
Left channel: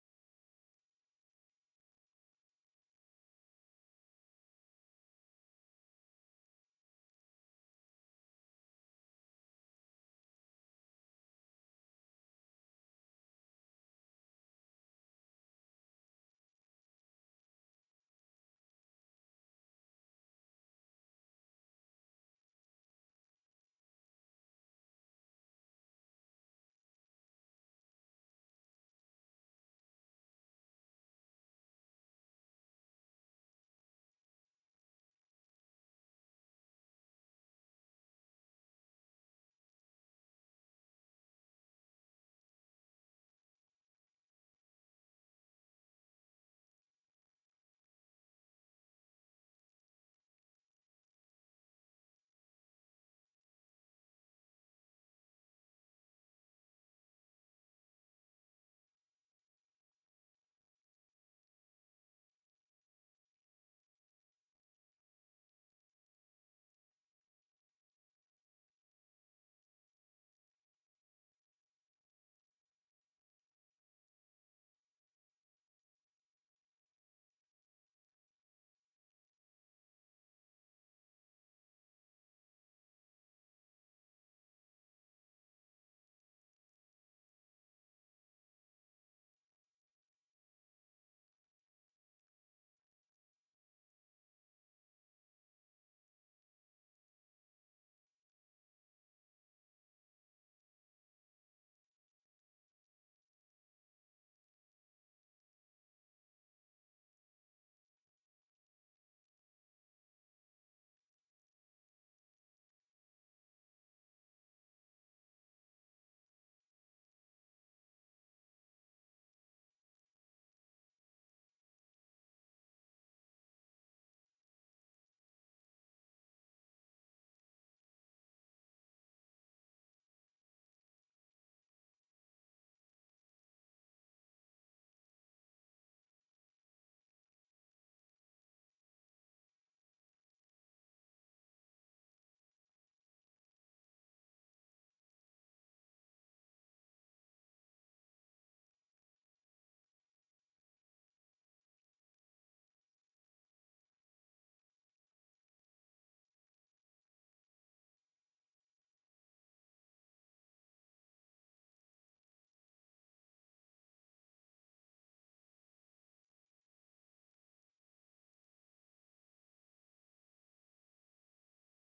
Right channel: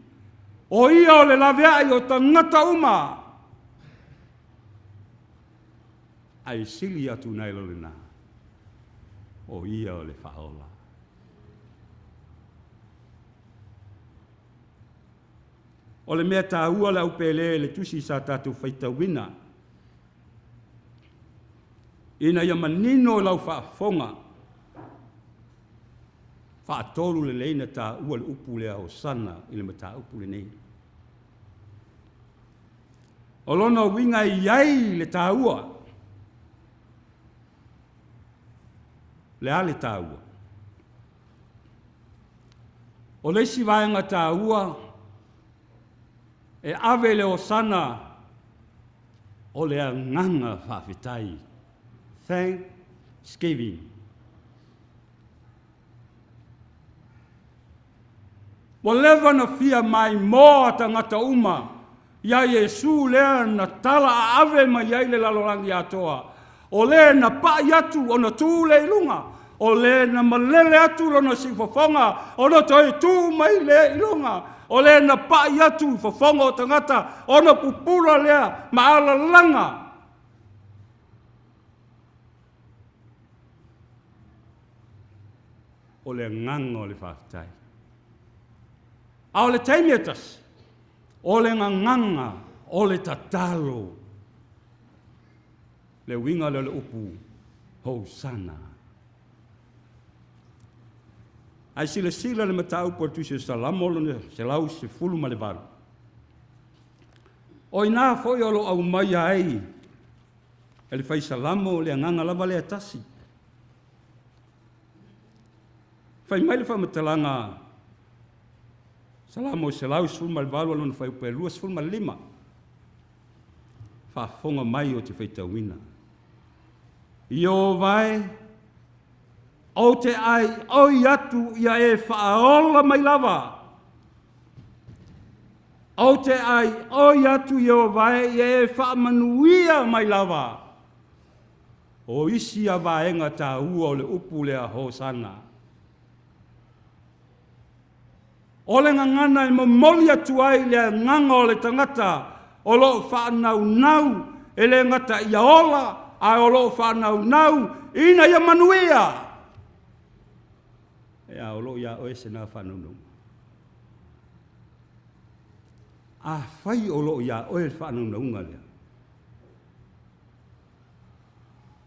O ia o le lavea I o tangata uma. Ai sili atu nai lorina. O ia o le whaola. O le mea tā ua la upele le tusi sa tātou whaita wina. Ina ia manino lau whaafonga. Whaatolu le leina tā ua le upu lea o sana I le mata upu le nei. O lona winga iai le tā ua. Le ale tā ua. O leisi vaenga tā ua. E ave le o sana o le nganga whawhitai. Thanksgiving. Wa lewa na fia mai mo tangata uma. Ia Yesu lea na tala a ave mai iai le lalorangi atoa. O le na pa yatu o na tū le ilunga. O le na malele atu lo na sifofonga. O na toi tū mai le ilunga. O le na pa yatu fofonga o tangata. O na pupura lea maala langa. O le nganga o le whaftai. A o le taimiatas. O le nganga. O le tatalo. Le winga le upu. Hosanna. Ai sila le matau por tu se salamo le se lau se fulu ma le valu. O ina foi o lo au mai ai. Ele fai salamo le nganga lava le atasi. Fai mai le fa matalanga. Salamo se lau se fulu ma le valu lo fai pe lua se fulu ma lima. Fa fonga mai o te fai tawina. Io vai o te ai, o iatu ia e whaola mai lava. O te ai, o atu i o vai, e whaamanuia mai lava. O isi a vaenga tā ua o le upu le a hosana. O le ngangana i mamoli atu ai le nganga o le tangata, o lo whaanau e le ngata i aola, a o lo whaanau ina ia manuia. E a o lo ia oe se nā whanau. A whai o lo ia oe whanau naunga lea.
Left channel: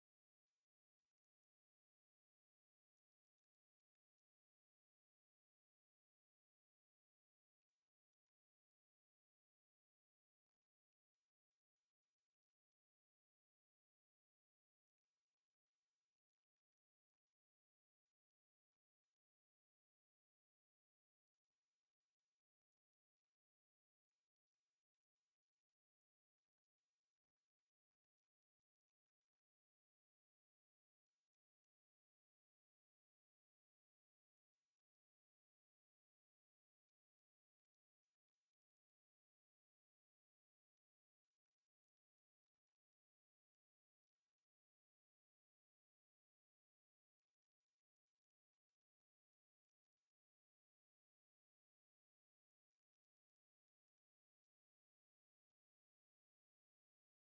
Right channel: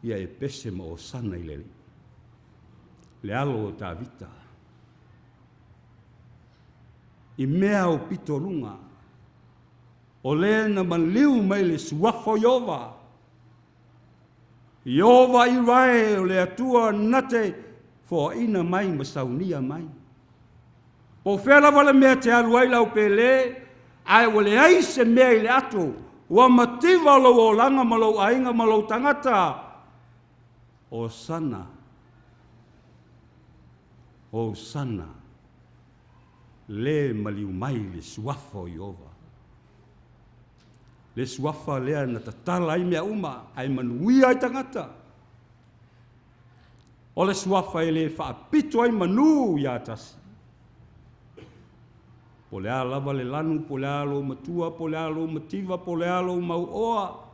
Ia e pese ma o sana i leli. Le alo o tā vita. I mea o pito lunga. O le na man liu mai le suafo Iova. Iova i rae o le atua nate fo ina mai ma saunia mai. Po whela wale mea te aluai lau pele, ai wale ai se mea i le ato, ua mativa lo o langa malo ainga malo tangata, o sana. O sana. Le maliu mai le suafo Iova. Le suafa lea na tatala ai mea uma, ai manuia ai tangata. O le suafa e le whaapito ai manu i atasi. Po le lava le lanu, po le alo matua, po le alo mativa, po le alo mau oa,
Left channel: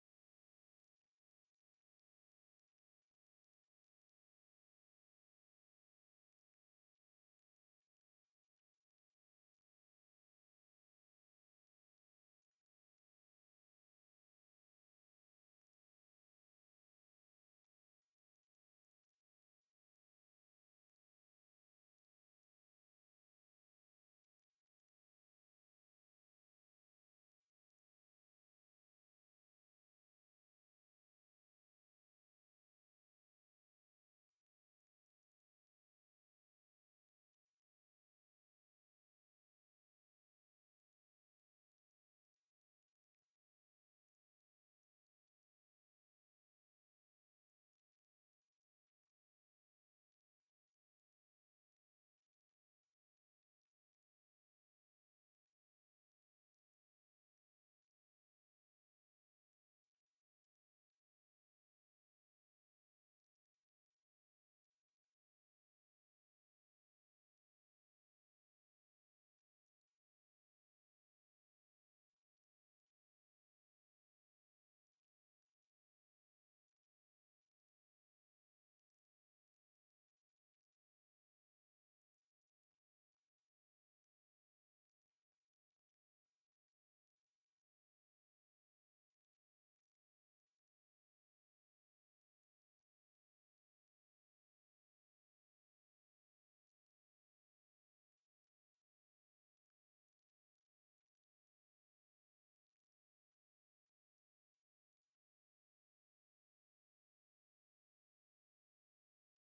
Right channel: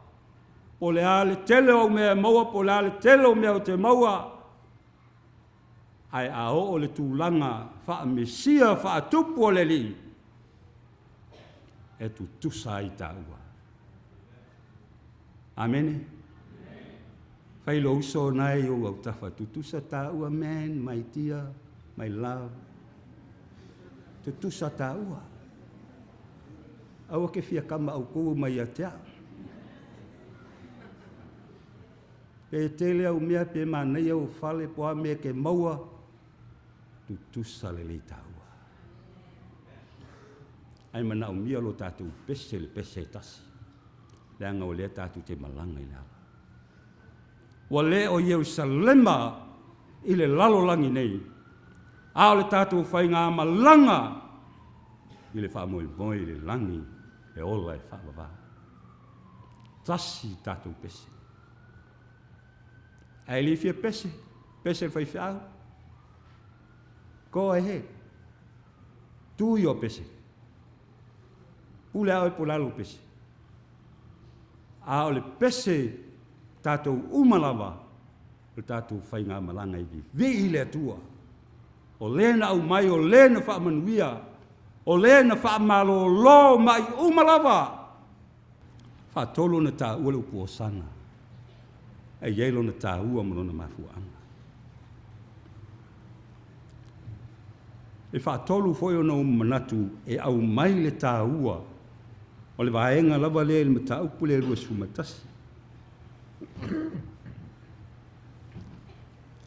po le ale tele o mea maua, po le ale tele o mea o te maua. Ai a o le tūlanga, whaamesia, whaatupu o le li. E tu tusa i tāua. Amene. Whai lo uso nai o au tafa tutusa tāua, man, my dear, my love. Tutusa tāua. Aua ke fia kama au kou mai a tea. Pe tele au mea pe manei au fale po a mea ke maua. Tutusa le le tāua. Ai mana au mia lo tātou pese le pese tasi. Le anga o lea tātou te malanga i nala. Wa le o Ierusalema i le lalolangi nei. A o le tātou whai ngā malanga i le whaamoi moi le langi e ola e whaamava. Tasi tātou pese. Ai li fia pese, pese whai whiau. Ko e he. Tui o pese. Pule au e pulalu pese. A o le pese tātou umalawa, o tātou whai ngā malanga i vi i le atua. O lena au mai, o lena whaamanuia, o lena whaamalo lo mai umalawa. Whaatolo na tā ua upu o sana. E yeilo na tā ua malona mafuanga. E whaatolu foi o na manatu e au mai le tā ua. O le vaenga lava le il mata upu le rua sumatasi.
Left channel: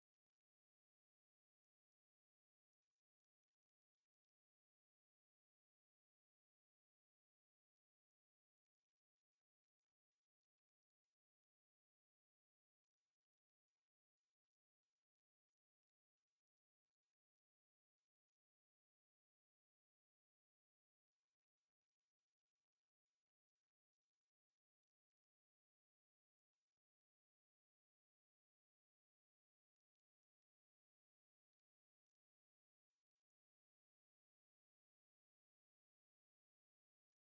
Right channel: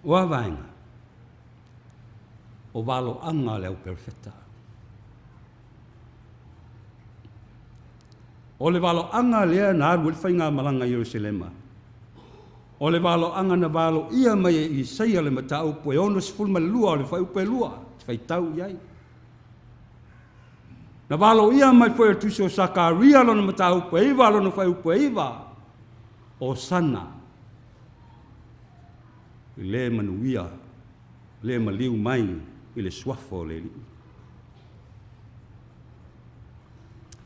Wa vaenga. O valo anga le au perfecta. O le valo anga lea na aru le whainga malanga Jerusalema. O le valo anga na valo ia mai i seia le mata upu e ono sifulma le lua o le whai upu e lua. Whai tau iai. Na valo ia mai foi tu so Sakaria lo na mata upu e iwa lo na whai upu e iwa. O sana. I le manuia. Le maliu mai. I le suafo le li.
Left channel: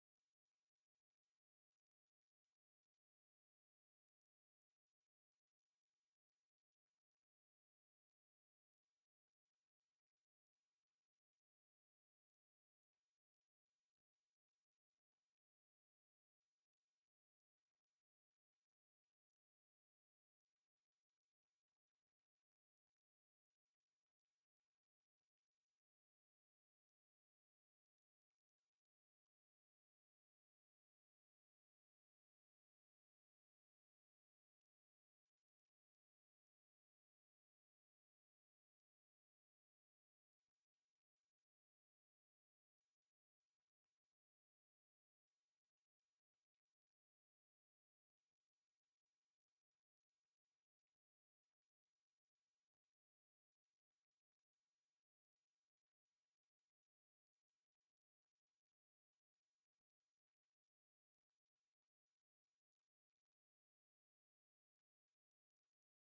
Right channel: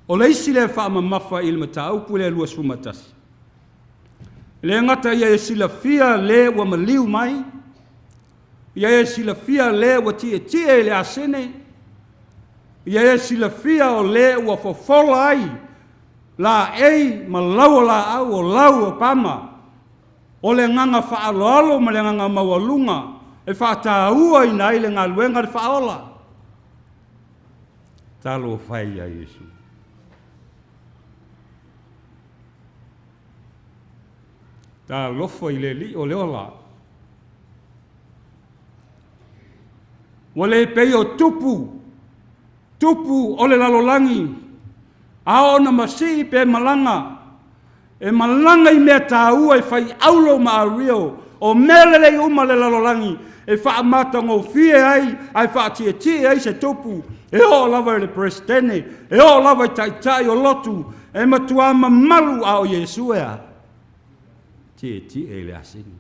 O le isi le whaama mafa i le mata upu le lua sumatasi. Le ngata ia e sila fia le wa maliu mai. Ia e sila fia le wa tie le asene. Ia e sila fia o le wa fofola ai. La ei ma lau la au o lau o pama. O le nganga whaaloalo ma le nganga mawalunga. E whaataua i nai le ngā luenga le whaola. Talo whai a Yesu. Tā lofo i le li o le ola. Wa le pei o tupu. Tupu o le lalolangi. A o na masi pe malanga. E malanga i mea tāua i whai aulo ma a rio. O mele le uma le lalolangi. E wha amata ngō fie ai wha tie ai se tupu. E o lava le presidente, e o lava tai o lotu, e matua malu a o Yesu ea. Ti e le asini.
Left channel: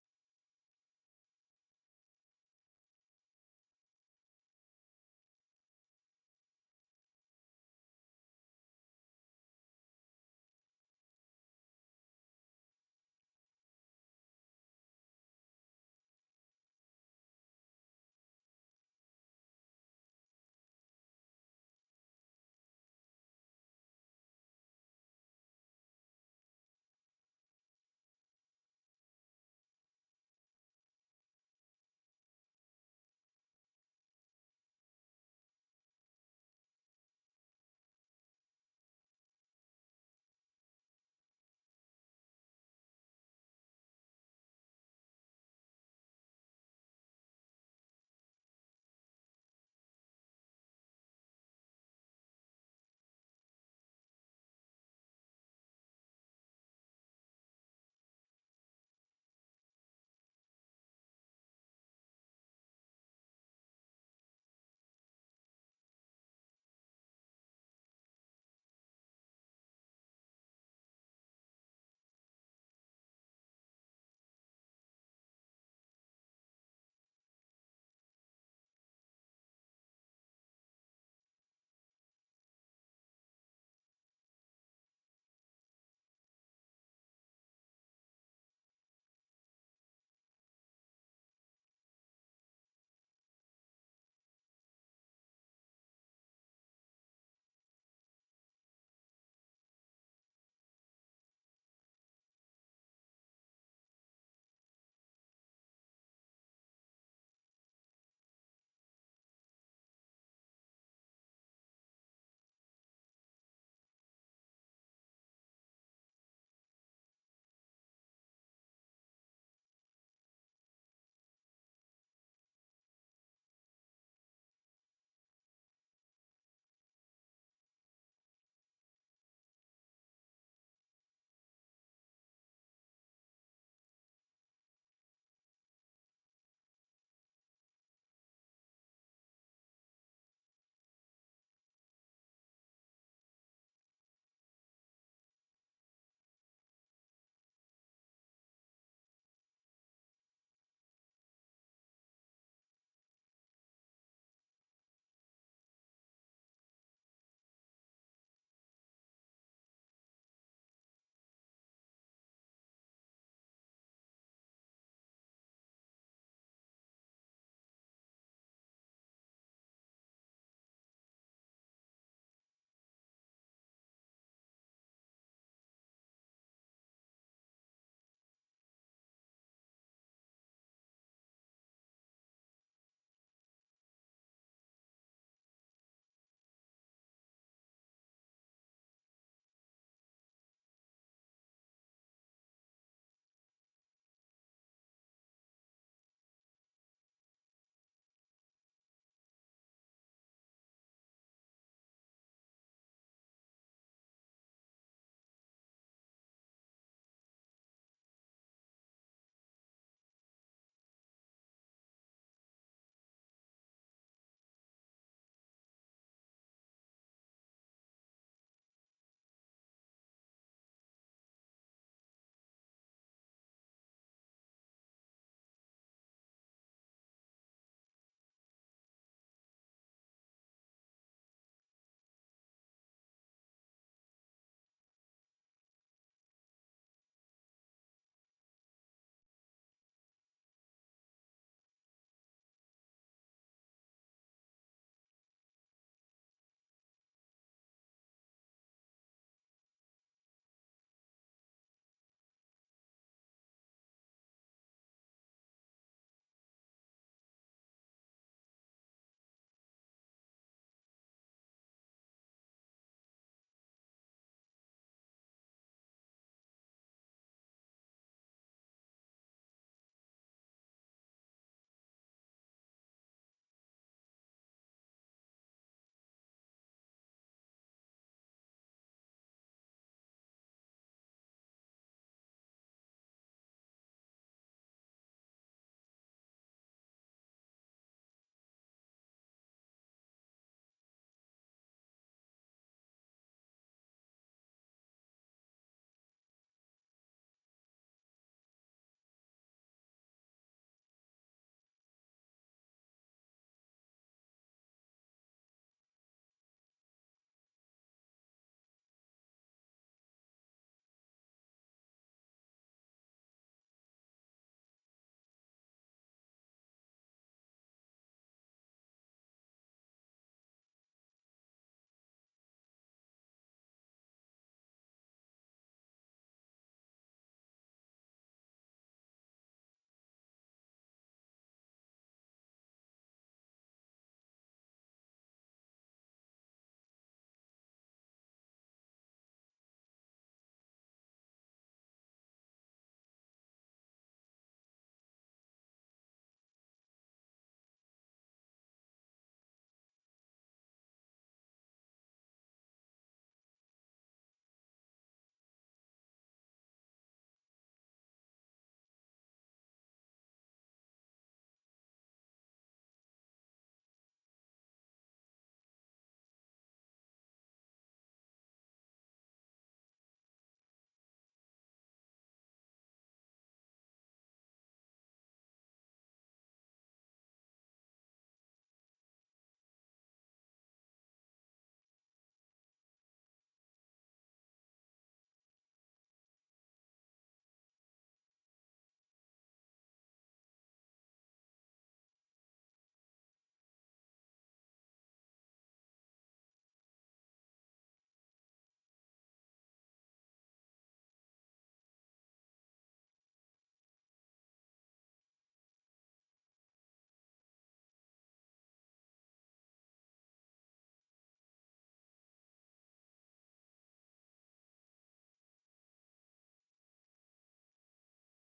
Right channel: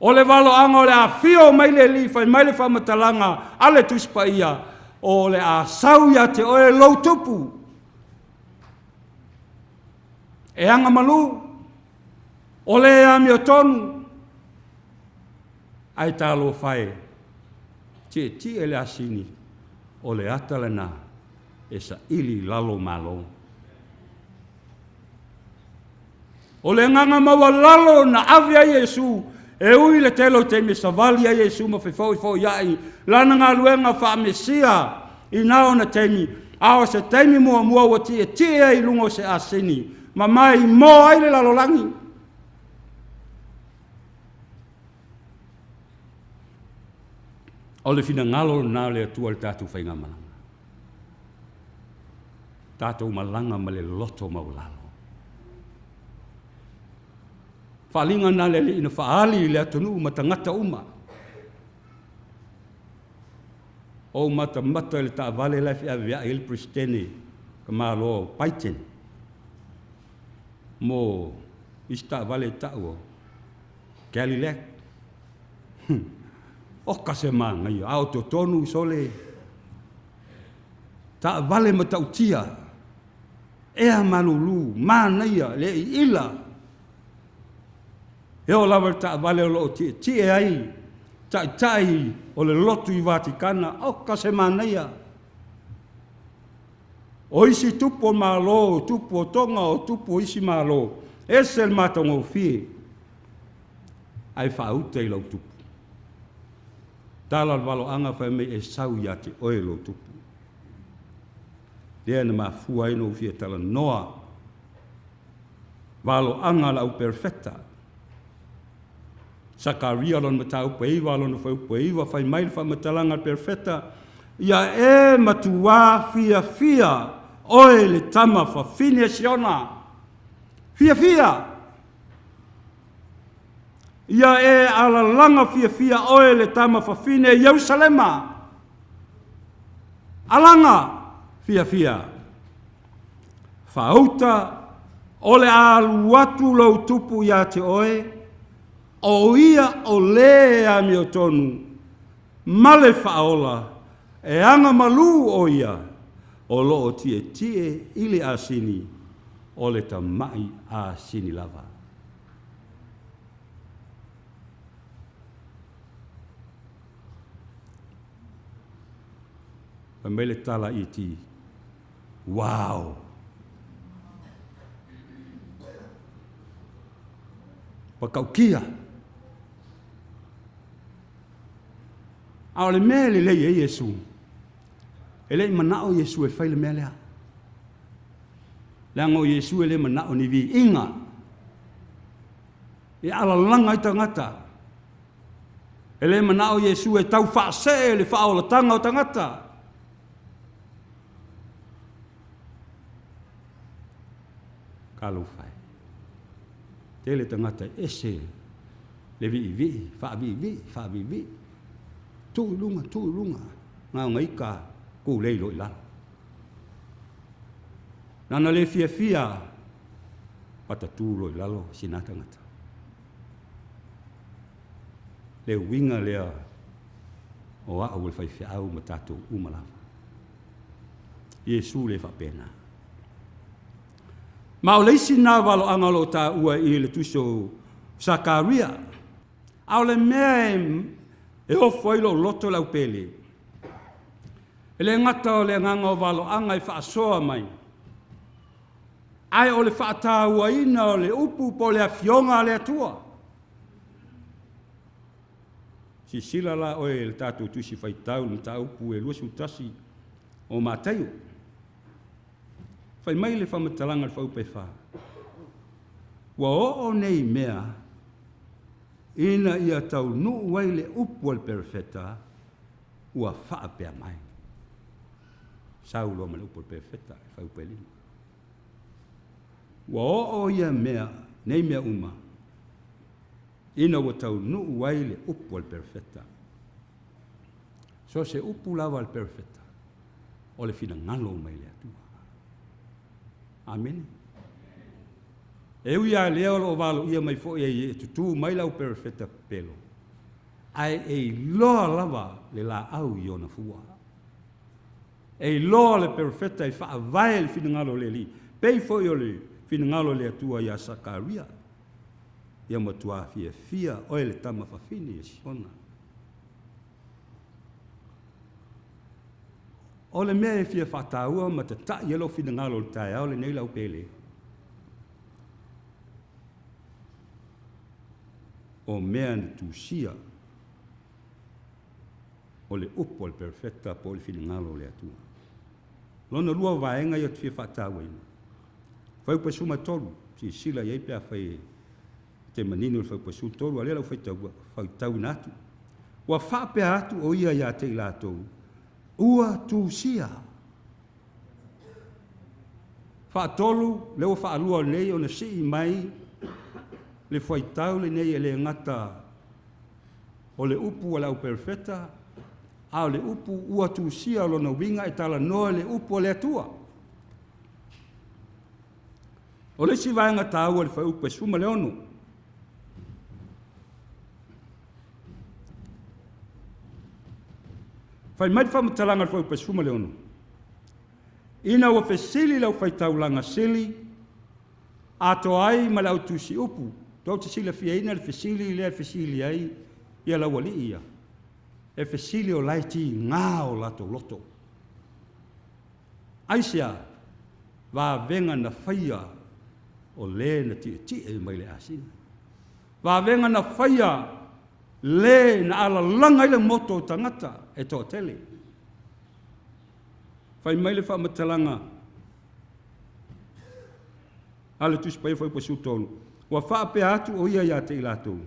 O le valo anga o le a fio mai le li, fai mai le whamatalanga, ale tuspa ia, o le a sauia te o e lautupu. E anga malu, o le a mio tonu, ai talo fai, ti e le asini, o le atalana, e sa ili lalo malo. O le nganga maua lalo na avia Yesu, e ui le telo te me savali a Yesu ma fo iai, lana ngā luenga wha mesia, i nao na teimi, ao se teimi mua wa ti e i lungo se asini, ma mai mo ai le lalolangi. O le fina ngalo na le atua le tātou whainga malanga. Tātou malanga ma le loto maulalo. Whalinga na le ina whaali le atunu ma tangata uma. O mata le ta vale la fi avia il pristene ka malo paiten. Mo ista vale ta'o. Galilek. O kase manga ia au to tonu sole. Ta vale ma tautia. Ea malulu mana ia le ila. E o lava ta vale lo ti e ai. Tai o le lotu i Vatikana, o ka se manaia. O isi tupu o malo, tupu o tonga o tupu o isi malo. Ese le matonga o fie. Ai whauta i lau tupu. Tala walo anga whai me e sau ia te oe lau tupu. Lea na mafua ino o fie tala noa. Walo anga lau perfecta. Sakaria lon matau peiva lon fau peiva fai mai fa matalanga perfecta ia e matua fia oe le tama fa fine siona fia ia e ala langa fia oe le tama fa fine Jerusalema alanga fia fauta ole alu watu lo tupu ya te oe o ia o lea mi o tonu, male whaola, e anga malu o ia, o loo tie ili a sini, o le ta mai a sini lava. Pa mele tala i ti, wow! Pa kaukia, ao le mea le lei e Yesu. E lei manao Yesu e whai le mea lea. Leango Yesu e le manao ni vi inga. E ala langa i tangata. E le manao Yesu e tau whaase le whaola tanga o tangata. Kalu whai. Tele tangata ese le vi, wha vi. Tu lunga. Ngā ngai ka kou lei loi la. Nana le fia pata tu loi lalo sinata ngata. Le winga lea o a ul fai fiau matatu umalawa. Yesu le fa pena. Ma o leisi nā walo angalo ta ua i le tuso Sakaria. Au le mea e o foilo loto lau pele. E le ngata o le nganga o walo anga i whaasoa mai. Ai o le whaatahua ina o le upu po le awhionga le atua. Si sila la oe le tātou tusi whaitau ni tā upu e luasu tasi o mātaio. Whai mai le whamatalanga le whaupe wha. Wa o nei mea ina ia tau nuu wai le upu al perfeta ua whaapea mai. Saulo ma le upu al perfeta e whaupe lima. Wa o ia mea, nei mea uma, ina wa tau nuu wai le upu al perfeta. So se upu lava le perfetta. O le fina ngalo mai le atua. Amen. E uia leo lo valo ia mai fo e tutu mai lau perfetta pelo. Ai e loa lava le la au i ona fua. E loa le perfetta e faa vai le fina ngalo le li. Pei fo i o le fina ngalo le atua ia Sakaria. Ia matua fia oe le tama fafini e sona. O le mea e fia whataua ma te ta i alo fina ngalo le tae au le nei lau pele. O mea ni tusia o le upo le perfetta po le fina ngalo le atua. Lona lua vaenga i o te fia whataua ina. Whau pasuma tolu, si sila iei pia whai te manino le whau pasu tolu, a lera whai tau natu. Wa whape atu o ia ia te ilatou. Ua tusia. Whaatolu, leo whaalua nei o na si mai, le whaitau le nei e le ngata o le upu o lau perfetta, a o le upu ua tusia o lona winga e tala noa le upu o le atua. O le si vaenga tāua le whai upu e suma le ono. Fai mai whamatalanga fau pa suma leono. Ina wa fesili lau fai taulanga sili, ato ai ma lau tusi upu. Tau te sila fia ina le fesili ai, ia lau wali ia. E fesili o laiti ngā o lato loto. Aisia, va venga na faia o le na ti e mai le asina. Va venga na faia le na ala langa ile moto tangata e tō tele. Whai mai le whamatalanga. Ale tuspai whai pasu tonu. Wa whape atu o ia te ilatou.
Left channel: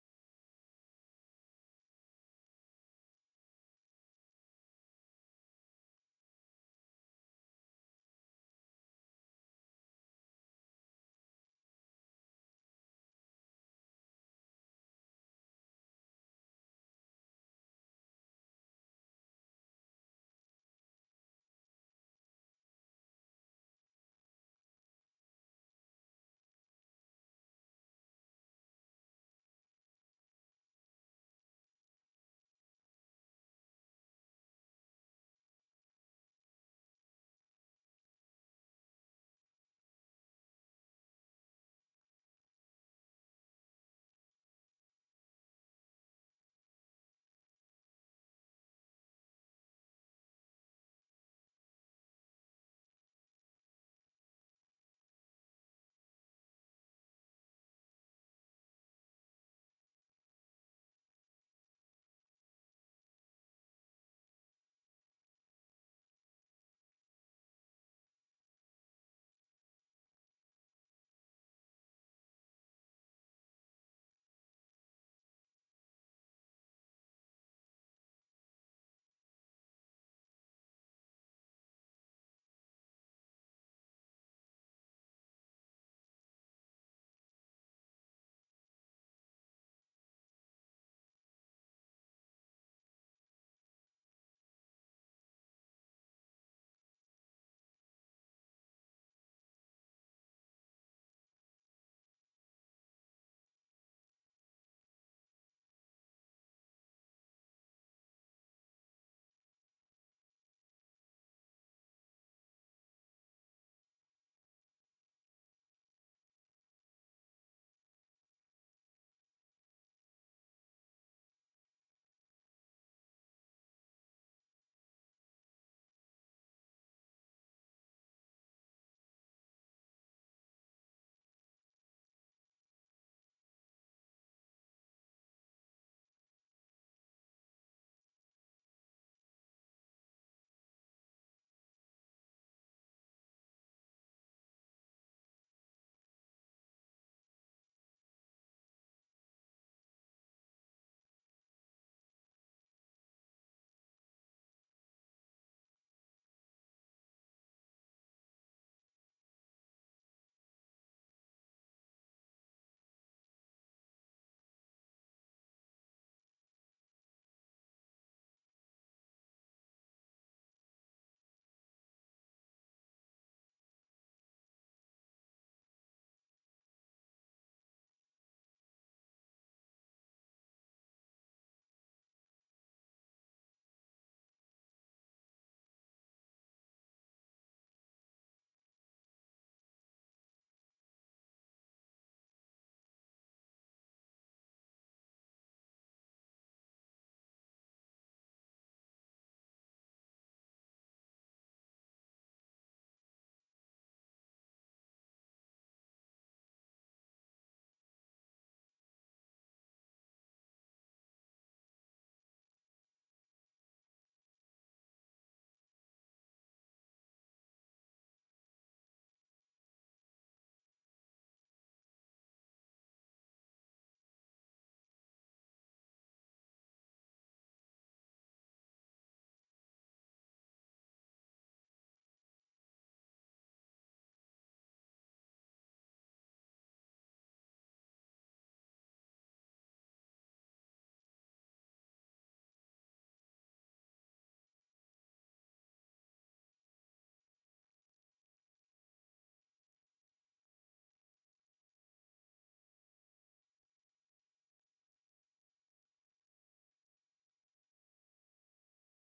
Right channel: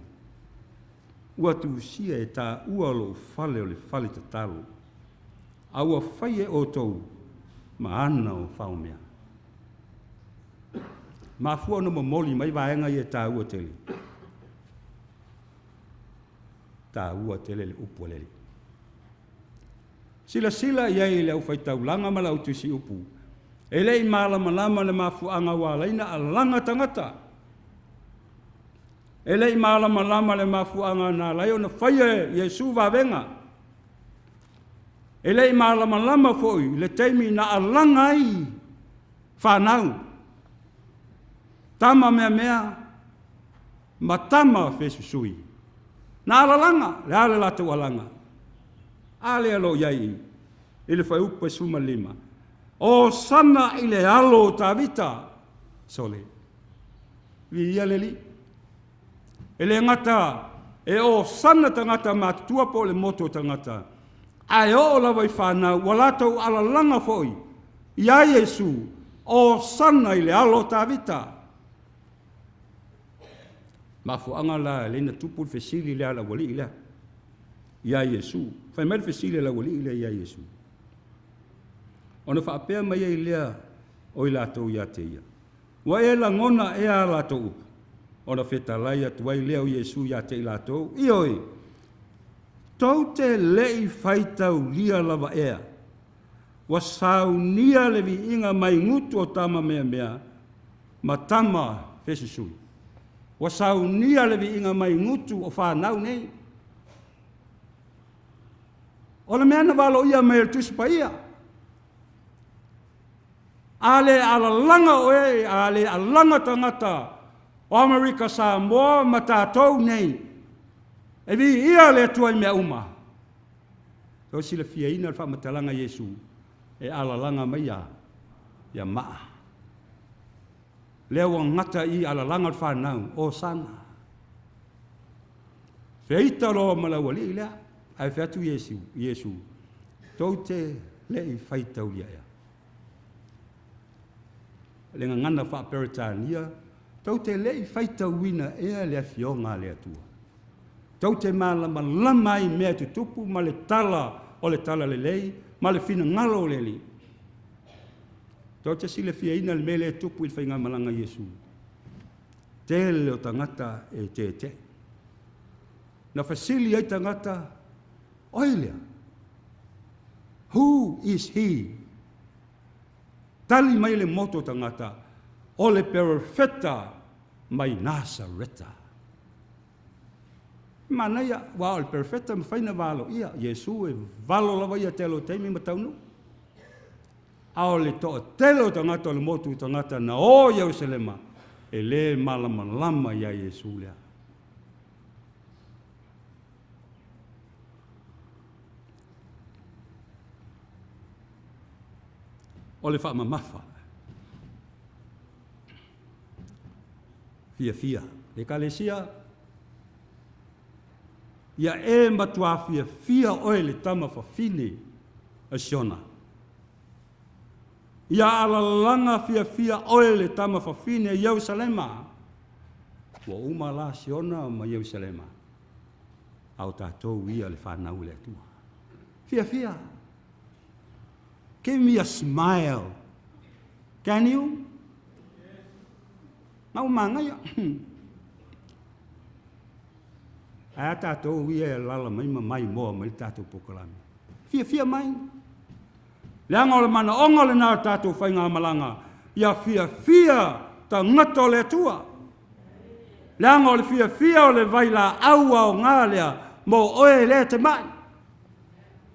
Ua tu sia e tā ua lo fale o le fale te talo. A ua whai e o tau ma ana o whaumea. Ma fua no mamoli mai vaenga i e tā ua tele. Tā ua tele le upu lele. Sila iai le au fai taulanga ma lau tusi upu. E lei malama le mafuanga walaina a langa tangata. E lei malama le mafuanga na laio na whaia Yesu wawenga. E lei malama foi le teimi na a langa ai whanau. Tama mea ma tama fesusui. Na alalanga, le ale latu alanga. Ale alo iai, ile whai upa suma lima. O sana ile alo tavita, sole. Vi ia leli. Ele ngata, e o sana tangata mātua po le moto tangata. Ai o la vai whanau, walatau alalanga foi. Ia Yesu, o sana ile alo tavita. Mafuanga la lena tupu fesili le ala wali ila. Ia Yesu. Fai mai fesili la wali ila ia Yesu. Ona whaapea mai e lea o ila tau ia te ia. Wa e la ngona e a la tau. Ona whetalai atu ai lea o Yesu ia te ila tau. Ioi. Tau te lei whaitau lia lava ea. Wa saunia le vi inga mai ngutu o tama mea. Ma tama fesisui. Wa saunia le vi inga mai ngutu o whanau nei. O le mea na walo ia mai el tuspa ia. Ale ala langa oe, ale ala langa tangata o Amerika Samoa ma tātou nei. E vi ia le tuai mea uma. Tau sila fia ina le whamatalanga Yesu. E ala langa mai ia maa. Leo ngata i ala langa le whanau o sana. Feita loa malawali ilea. Ai featu Yesu. Tau te lei whaitau ia ea. Lenga ngana whaperitania. Tau te lei whaitau wina ea lea fionga lea tua. Tau te malama lamai mea tutupu ma le tala o le tala le lei, ma le fina ngalo le li. Tau te sile fia ina le mele tupu il whainga malanga Yesu. Tele o tangata e te. Na fasili ai tangata oilea. Who is he? Tali mai le moto tangata, o le perfetta mai Nasareta. Mana ia, wa o le perfetta mawhaina valo ia, Yesu e valo lawa ia telo teimi mataunu. Ao le toa telo tangata o le motu tangata na o Yerusalema, e le malama ia Yesu lea. O le whaamamafa. Fia. Le kalesia. Ia e matua fia oe le tama whawhine a siona. Ia alalanga fia oe le tama whawhine a Yerusalema. Wa umala siona ma Yerusalema. Au tātou ia le whanau le atua. Fia. Give me a smile. Can you? Mau mangai. Ai tātou ia lala mai moa mai tātou pokalami. Fia mai. Leanga o le mana onga le nā tātou whainga malanga. Ia fia ta ngata o le atua. Leanga o le fia o le vaila aua o ngā lea mo oe lea te mai.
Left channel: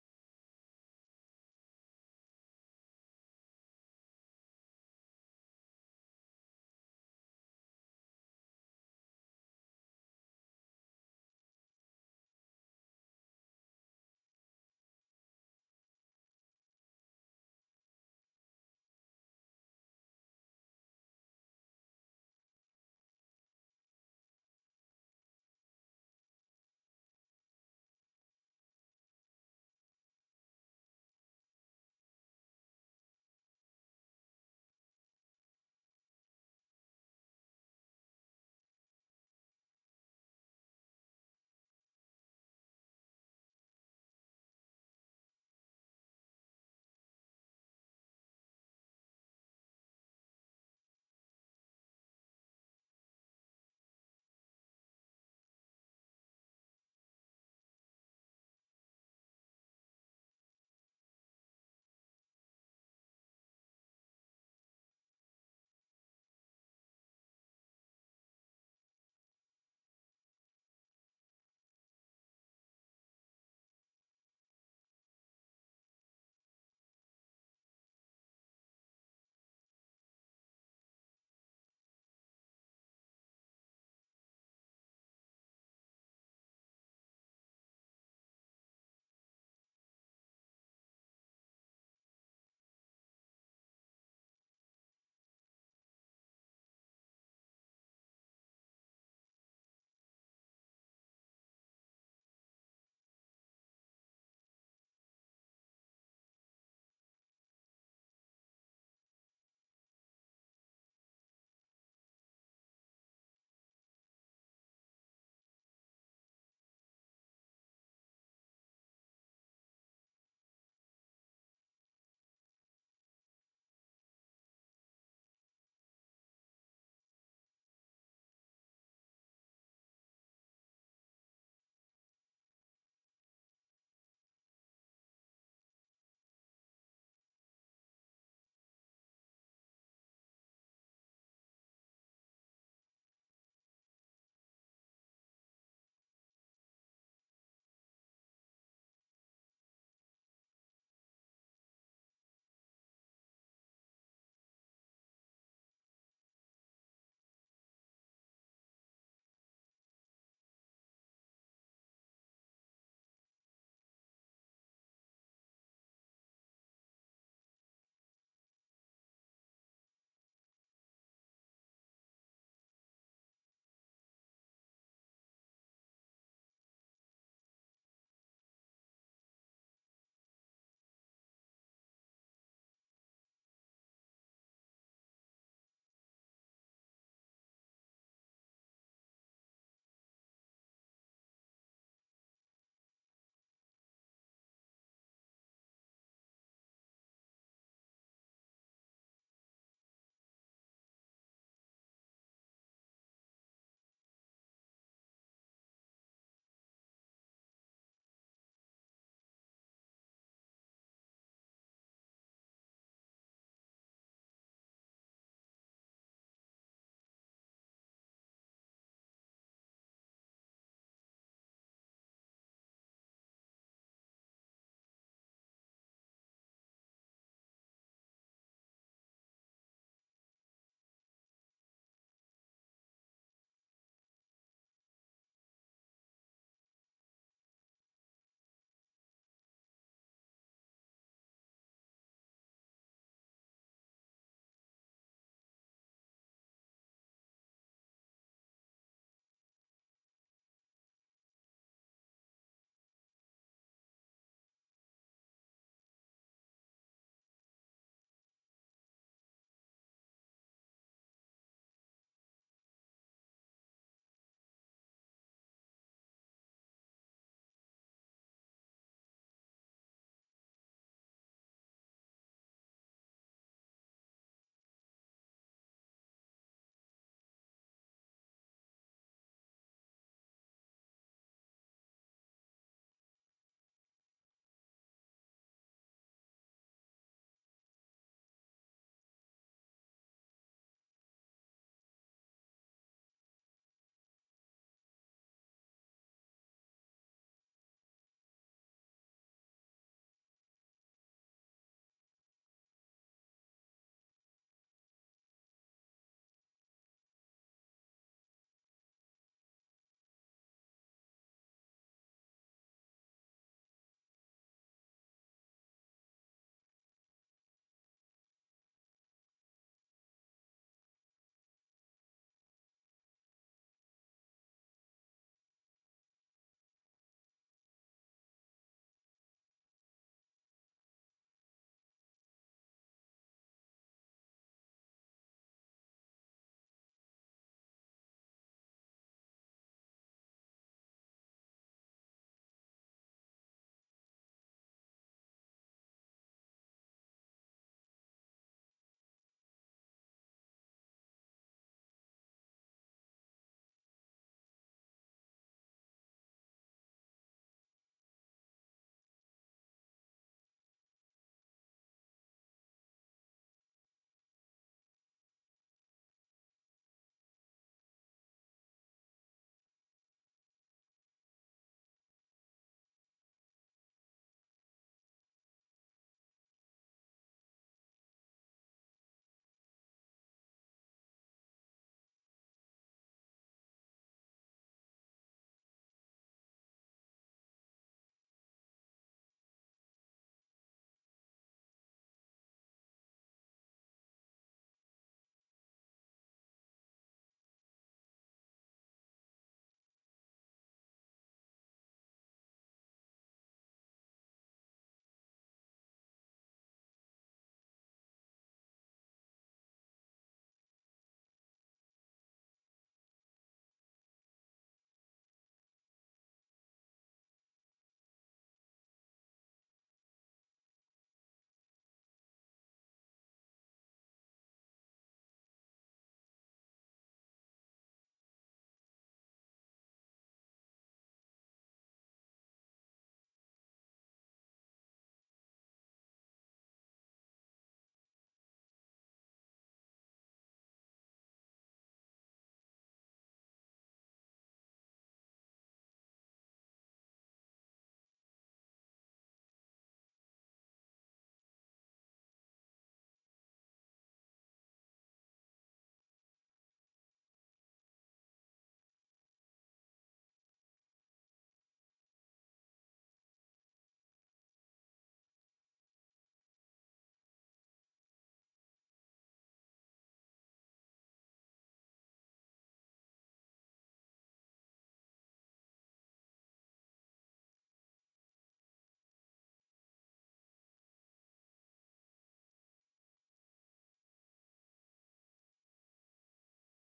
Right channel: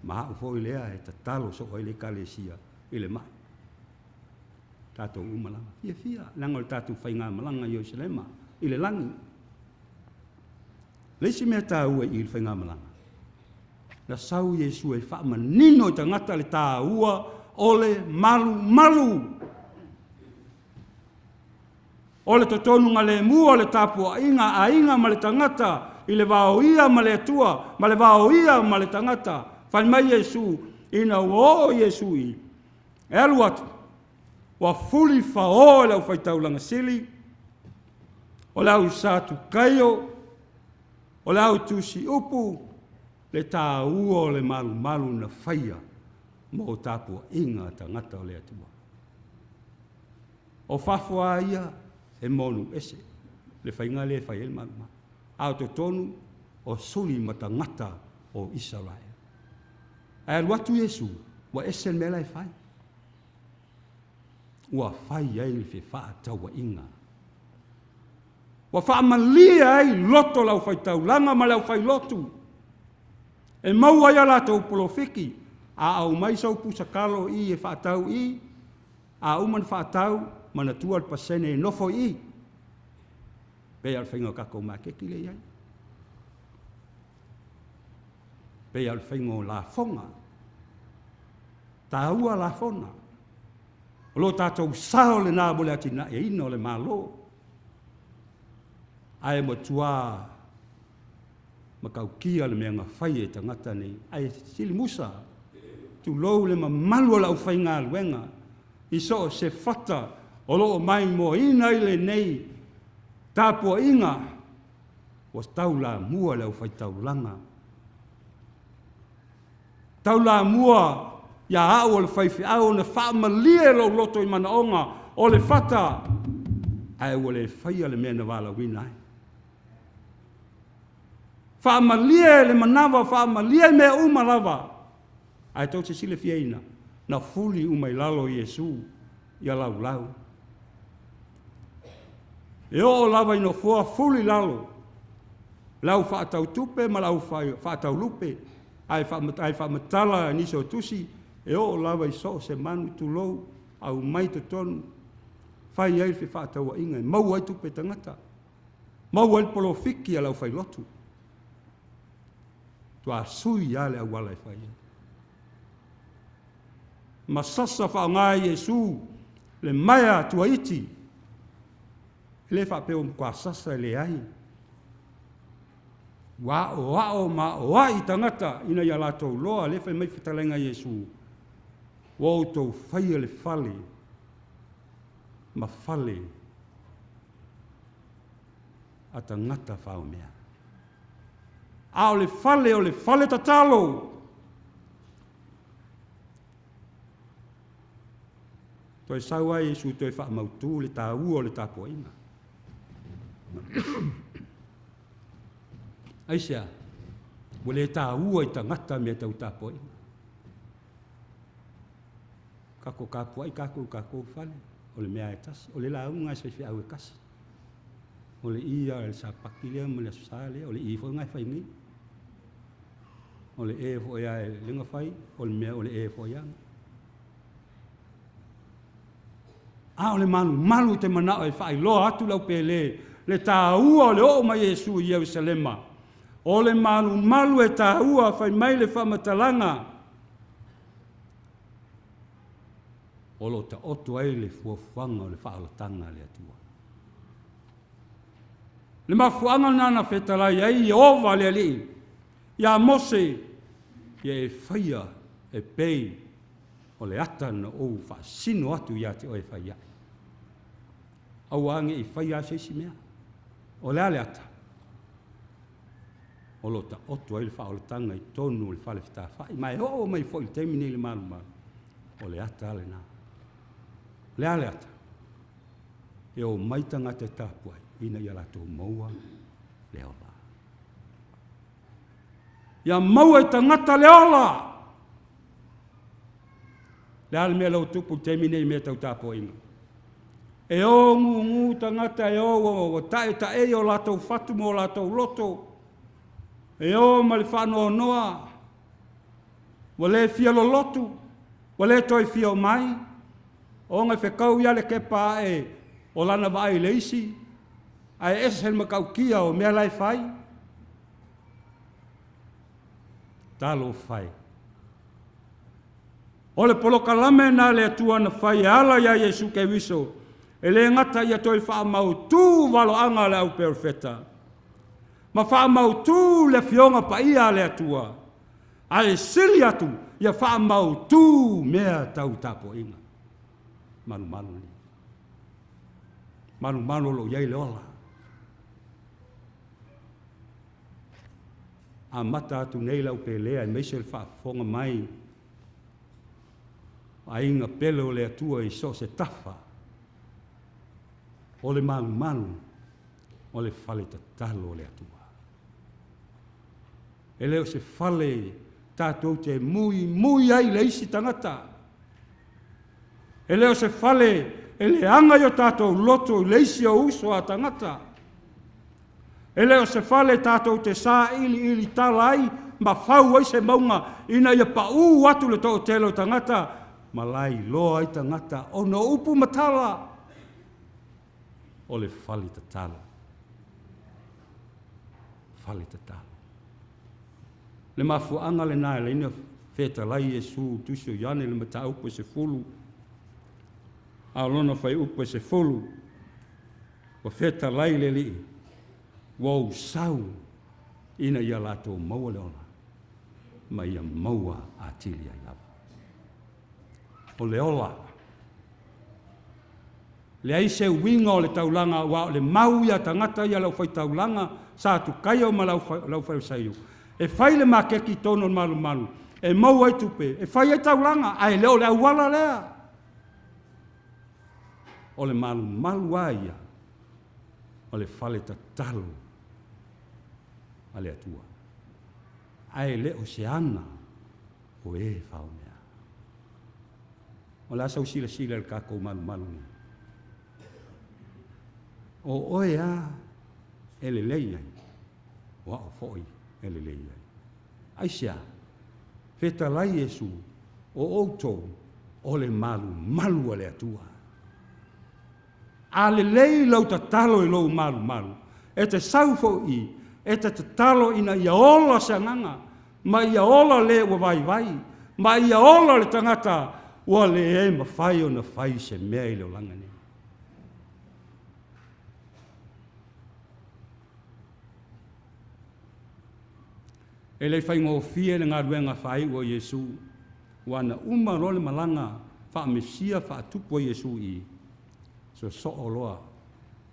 Maha ufo i lea e ta talo so oe le kalesia i le mai. Tātou umalanga. Fia. Leanga o le tātou whainga malanga i Jerusalema i le langi. Leisi mea tā ua i le whainga malanga. Na sau Yesu e wha manino i tangata le tā ua o le malu. O le totonunga le mua o le tāpua inga ma le tangata i le vao ia ma le atua, ma le vao ia ma le tangata. Whai mai Yesu, ina o Yesu i. E alu atu, wa fuli whao lau whaitaulanga sili, o lau sātu kaio, o lau tusi upu, le tā ua o le malu na whaia, mo tāpua inga tangata o le atua. O whawhua ia, e monu ese, le whainga le whai el malu. Au to tonu, o suli matangata o Israel. Ai watu Yesu, wa ese mela e whai. Ua whai ai le whaatau wa inga. Wa whaamalia ai loto lau whaitau, langa ma lau whai lotu. E maua ia lātou polofiki, a au mai sau pusakalo i e whaatau i, a uman whaatau, mana tual pasene e nofo i. Pea al whainga kako makeki le iai. Pea al whainga la fonga. Tā ua la fona. O lo tātou sao le nā mole atina e ino le malo. Ai mo tua makau kia le mea ngawhai e tangata nei. Ai sili musa. Tu lou le mamalua lau whainga luenga. Iso se fata o loo mai mo ina ile nei. Tāpua inga. Was tau la mua lau whaitau langa. Tau la mua ia au o le whaifi au na whaamalia lo loto i mana onga o le whata. Ai o le whaia le mea na wala wina ai. Whaamalia le manawa, whaamalia mea umalawa. Ai tau te sile fiaina, na fuli umai lalo Yesu, ia lau. E o lava ino fua fuli lalo. Lau whaatau tupe, ma lau whaatau lupe. Ai whaamatala niso tusi, e o lava i so se manu tu lou, au mai te tonu. Whai ai whaatau a inga, mau ai tupe tangata. Mau ai polo fiki a lau whai lotu. Tua sui ale au wala e whai. Ma sasa whaongai Yesu, le maia tua iti. Le whapeo mkwa sasa le ai. Wao ma wai tangata ina ia lātou loa le whai mai whitalenga Yesu. Wau tau whaia le whale. Ma whale. A tangata whao mea. A o le whale tatalo. Toi sau ai Yesu toi wha mautu le tā ua o le tā poina. Aisea, wale tā ua i tangata mea tau tā poina. kako kapua i kako fale. O le mea e tasi. O le launga se fi au e kasi. O le ia le sapaki lea ma le asosale. O le i fo ngai fai ngi. O le e fo ia e lenga fai. O le mea o le e fo ianga. O le malu te manao e fai loa atu lau pele. Le tāua o le o ma Iesu i Jerusalema. O le malu e tāua fai mai le whamatalanga. O lo ta otu ai le fuafanga o le whaalatanga le atua. Le mafuanga nana whetalai ai i ova le ali. Ia mose, ia e whaia e pei o le atana o whaasino atu ia te o e whaia. Au ange i whaia se si mea. O le ale ata. O lo ta otu ai le whaalatanga i tonu le whale whita whai. Mai o mai fo i temini le malu. O le ata ale nā. Le ale ata. E o maitanga te tāpuai. Ina ia lato maua le ola. Ia maua e tangata le ola. Le ale mea lau tupu temine i mea tau tāpua inga. E o ngu tangata e o tae o lato fatu mo lato loto. E o ma le whanoa noa. Wa le fia lo lotu. Wa le toi fia o mai. O ngai whekau ia le kepa e o lana vai leisi. Ai esen makau kia o mea lai fai. Talo fai. O le polokalame na le atua na fai ala ia Yesu ke wiso. E le ngata ia toi wha mau tū walo anga le au perfeta. Ma wha mau tū le fionga pa ia le atua. Ai sili atu ia wha mau tū mea tau tapo inga. Manu ni. Manu lo iai le ola. A mata atu nei lau pe lea, i meise le whaafonga mai. A inga pele o le atua i so se tafa. O le manu, o le fale tatalo o le atua. E leo se fale tātou te mui ai le isi tangata. E leo se fale e le anga yo tātou loto le isi o uso a tangata. E leo se fale tātou te sā ili talai, ma whau ai se maunga, ina ia pa atu le tō telo tangata, ma lai loa ai tangata, o no upu matala, o le fale tatalo. Fale tatalo. Le mafuanga le nai, le ina feta lai Yesu, tusio yane le mata upo se fulu, a lona fai upo se fulu, o feta lai le li, wau sau ina ia lato maua leona, ma ia maua a tilia iava. O le ola, le aise winga o le taulanga, wa le mau ia tangata ia lau fai taulanga, sa tu kaya ma lau fai usaiu. E fai le makeki tono malu, e mau ai tupe, e fai ai taulanga, ai leo le awala lea. O le malu aia, o le fale tatalo, ale atua. Ai le oceana o e faunea. O la sau sila el kako malu ni. O oea ele leia. Wa o foi ele leia. Aisha. Feta lai Yesu o outo o le malu ale atua. Ale lei lau tatalo i lou malu. E te saufo i e te talo ina ia ola sanganga, ma ia ola le ua vai, ma ia ola le tangata, ua le e ma fai o na fai se mea i leo langa ni. E le fai ngō fie le ngā ruenga fai o Yesu, wana uma role malanga, wha mesia wha tupu o Yesu i, so oloa,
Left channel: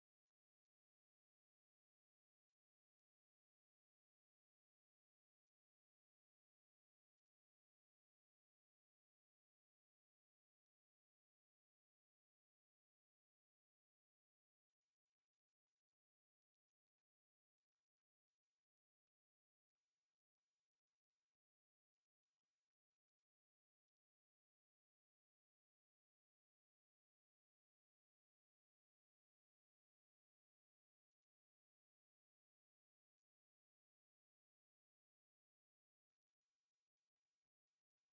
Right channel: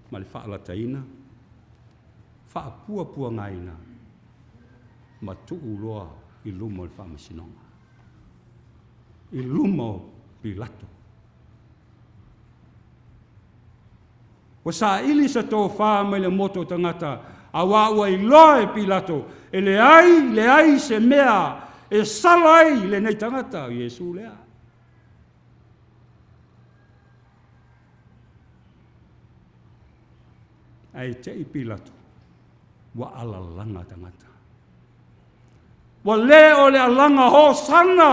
ma le wha alataina, pua ngaina ma tuu loa i lumo le whamasinonga. I lumo Pilato. Wa sa ili sa tō wha mai le moto tangata a waua i loa e Pilato e le ai se mea e salai le nei tangata Yesu lea. ai te ipilatu, wa ala langa tangata. Wa le o le alanga ho sana,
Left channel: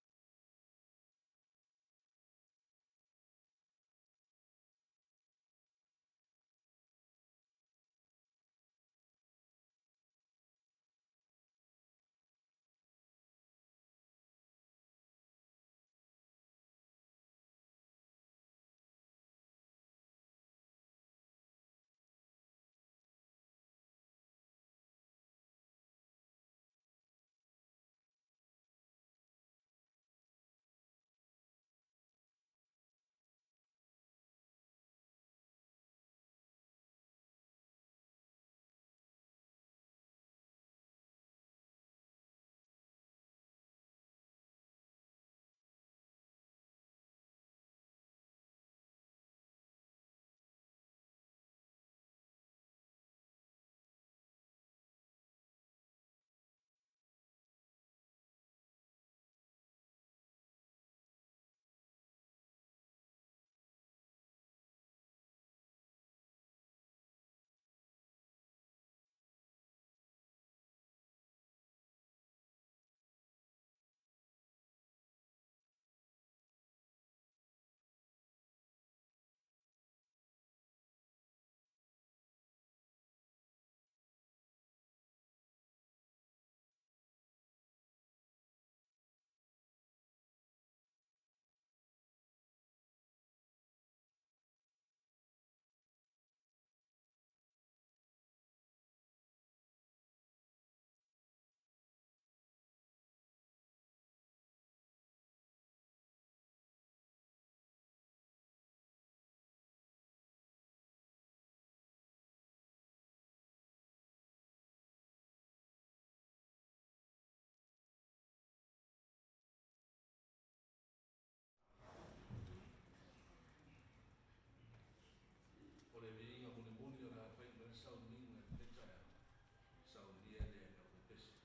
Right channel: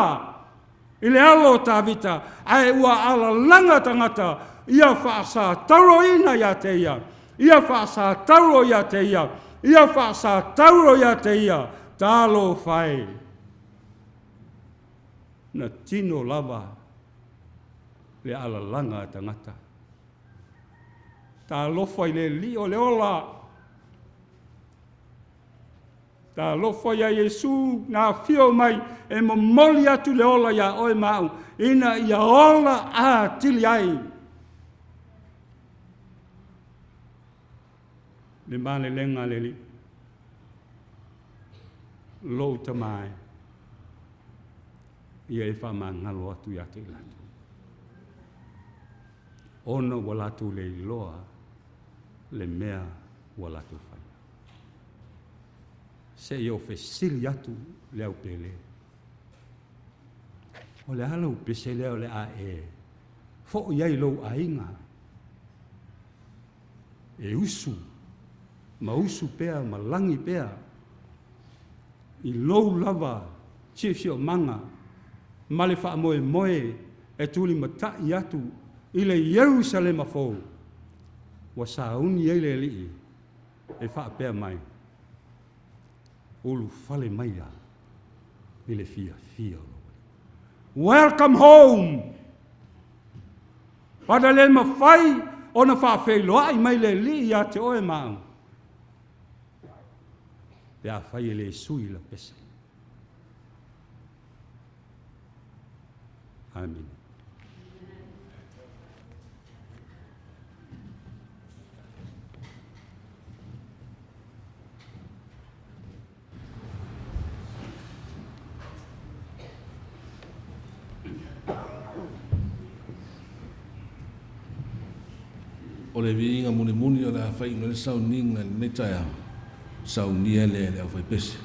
i le alo tawita, ai wa ala langa tangata, ia whaasa taro ina ia te ia, ia whaasa taro ia te ia, ia whaasa taro ia te ia, talo whai. Na tino lava, le ala langa tangata. Ta lofa i le li o le ola. Ta lofa ia Yesu na fio mai e momoli atu le ola ia oe mau. Ina ia ola a tili ai. Le male lenga le li. Lo tamai. Ia e wha ngalo atu ia te latu. Ono walatu le iloa. Le mea walatu whai. Se i ofe sili atu leo pele. O le halau pese leo le a e. Fo iai lou a inga. E usu. Ma usu pea, ma langi pea. I lou lava, chifio manga. Male wha moe moe, e tuli matai atu. I le Jerusalema fou. Wa sauni ele li e fa pe mai ulu fale mai ya ile fia welcome home pada le mafai ona fa fe lo ai mai le li ya te oe mau ya fai le sui la pesa amen. O le viinga muni o le awhai no le Sauniga le taia Saunia le awhai pese.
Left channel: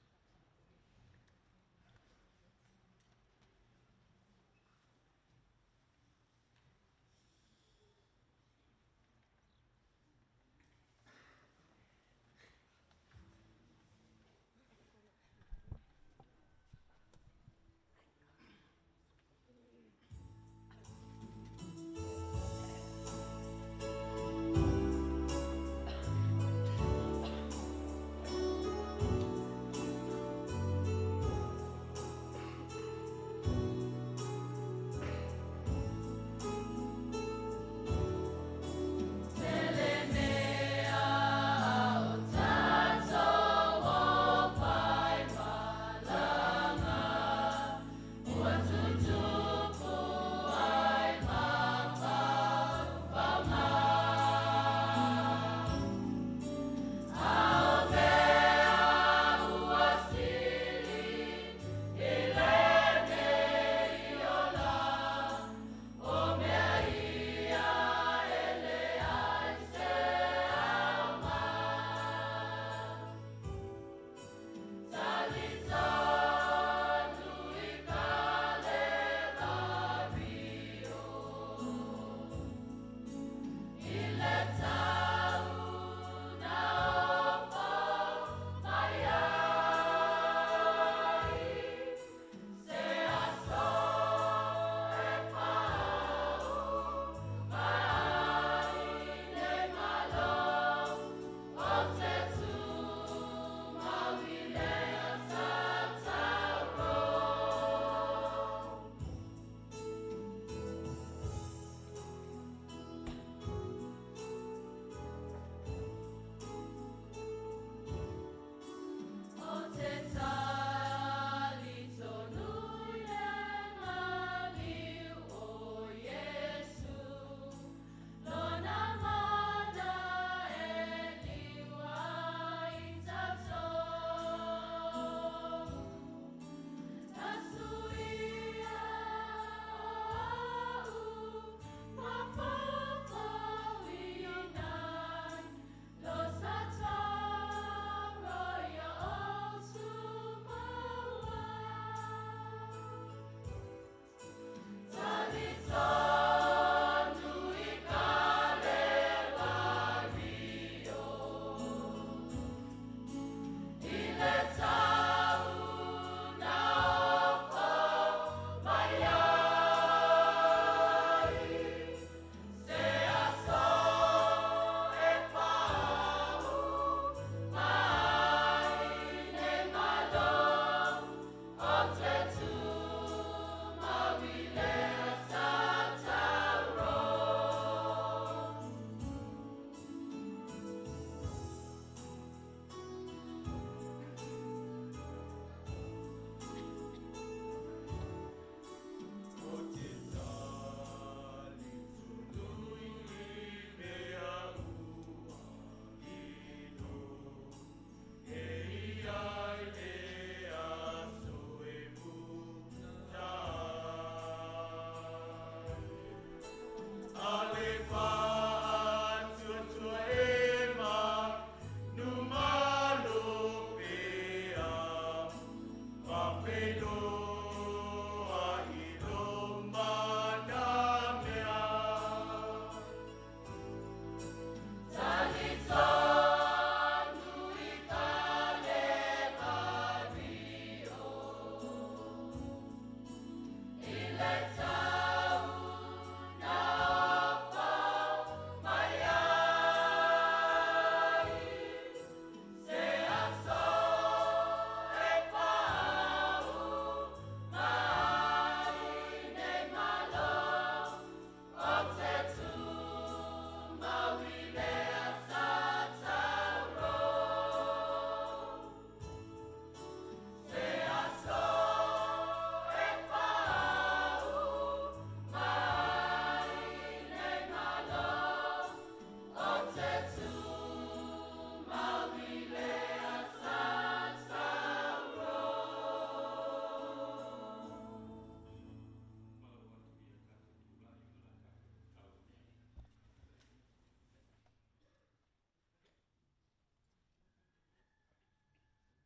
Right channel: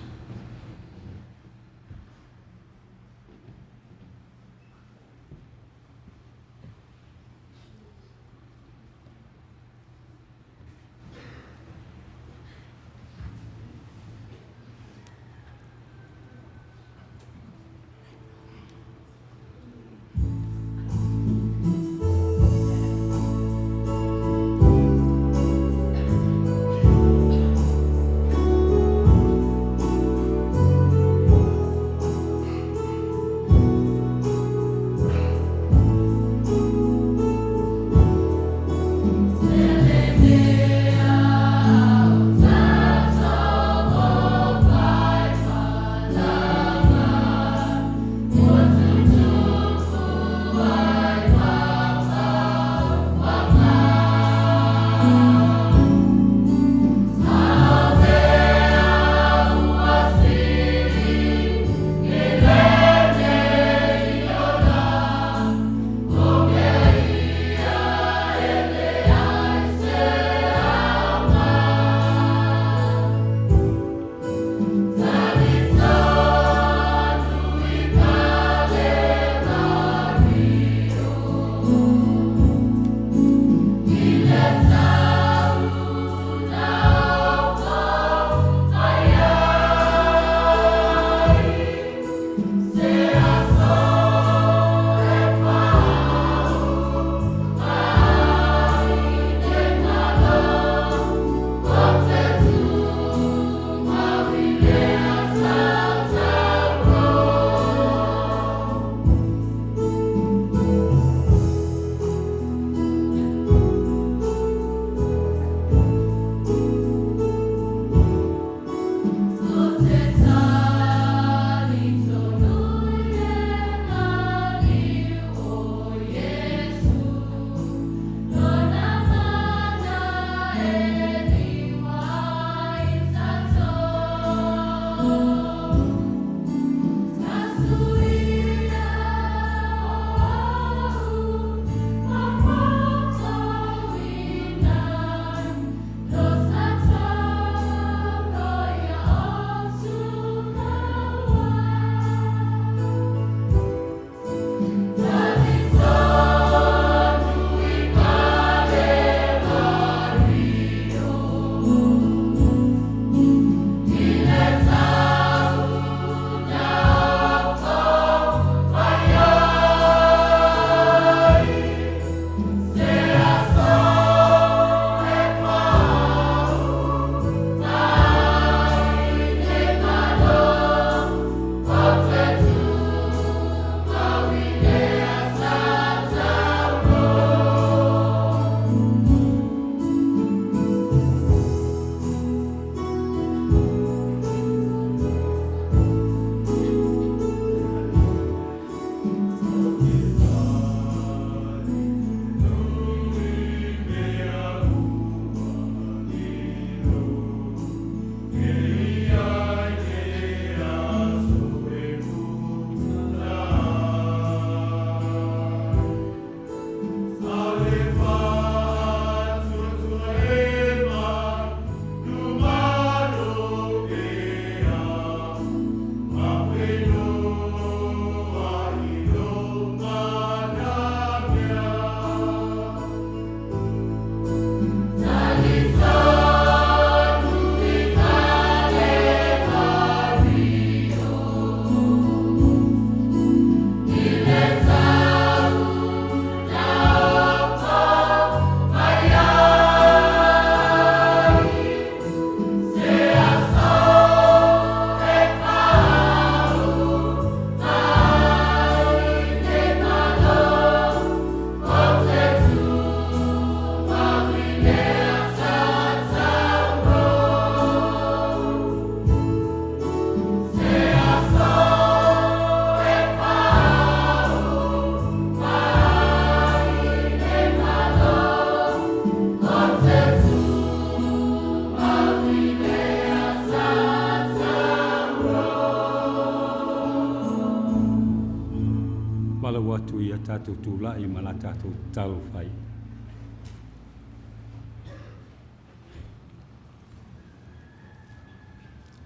tātou tūlai ma la tātou talo whai.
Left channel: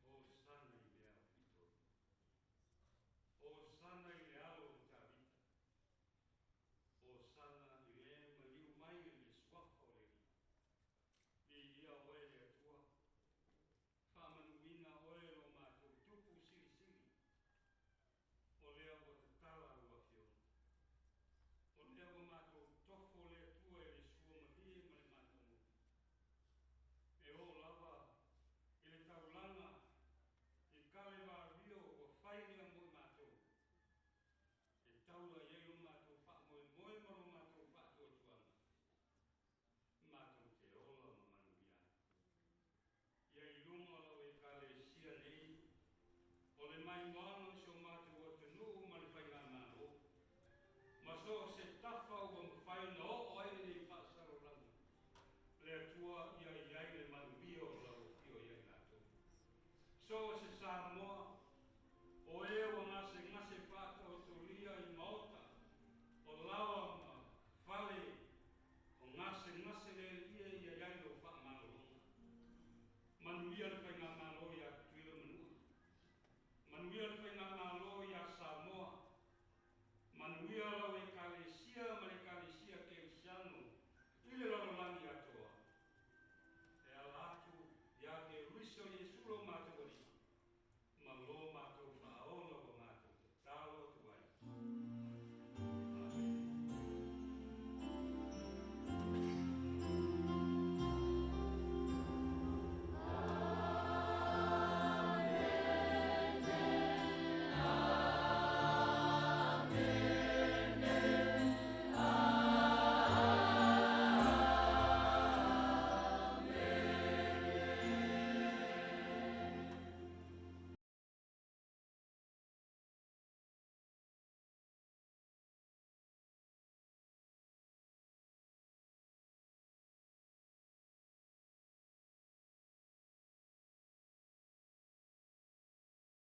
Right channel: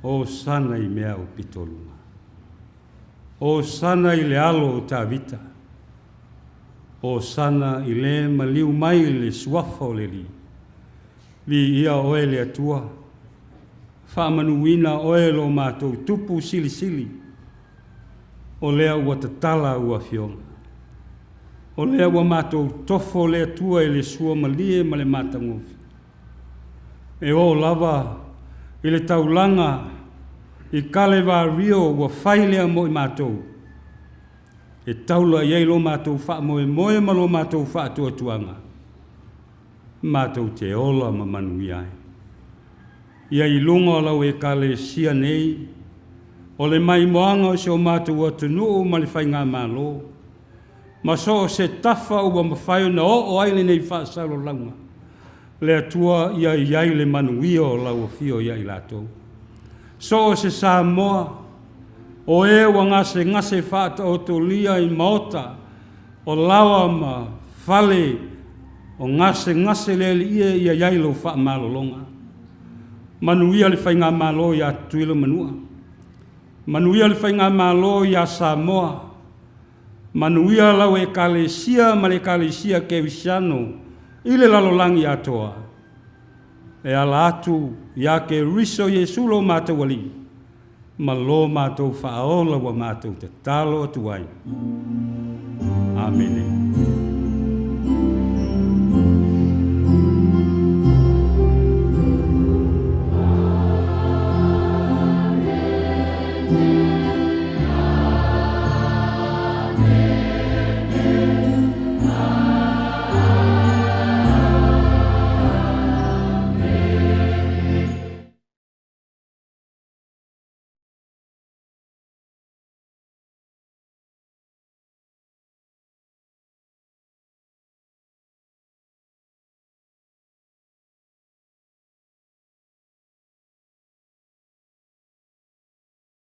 O sana I mea o pitolunga. O sana I le alo o tā vita. O sana I le maliu mai le suafa o le li. Vi ia oe le atua. Whaamanuina oe lo mātou tupu sili sili. O lea ua tatala ua fionga. O lea ua mātou tofo le atua I le sua malie ma le mātangofi. E o lava I le taulanga I kale wā rio ua whailea mo I mātou. E taula iei lo mātou wha moe moe ma lo mātou wha atua tuanga. Mātou te ola ma manui ai. Ia I lunga lau e kale sia nei. O le mai moanga o se o mātou atunuu ma le whainga mālo. Ma so se tafa ua mawhaio na o aile nei wha salo launga. Le atua ia iai le manui o lau o fio ia I lātou. So se Samoa, o e wa ngase whata o to lia I maota, o lawa ma whale, o ngase lele ia yailo wha malo longa. Manuia le whainga malo ia tuila manua. Manuia le whainga malo ia Samoa. Manuia lau e kalesia ma le kalesia ke visiano, ile lalolangi atoa. E ala atu ia ke riso Yesu lo mātou wali. Ma lo mātou whaola wa mātou te talo atu ai. Amen.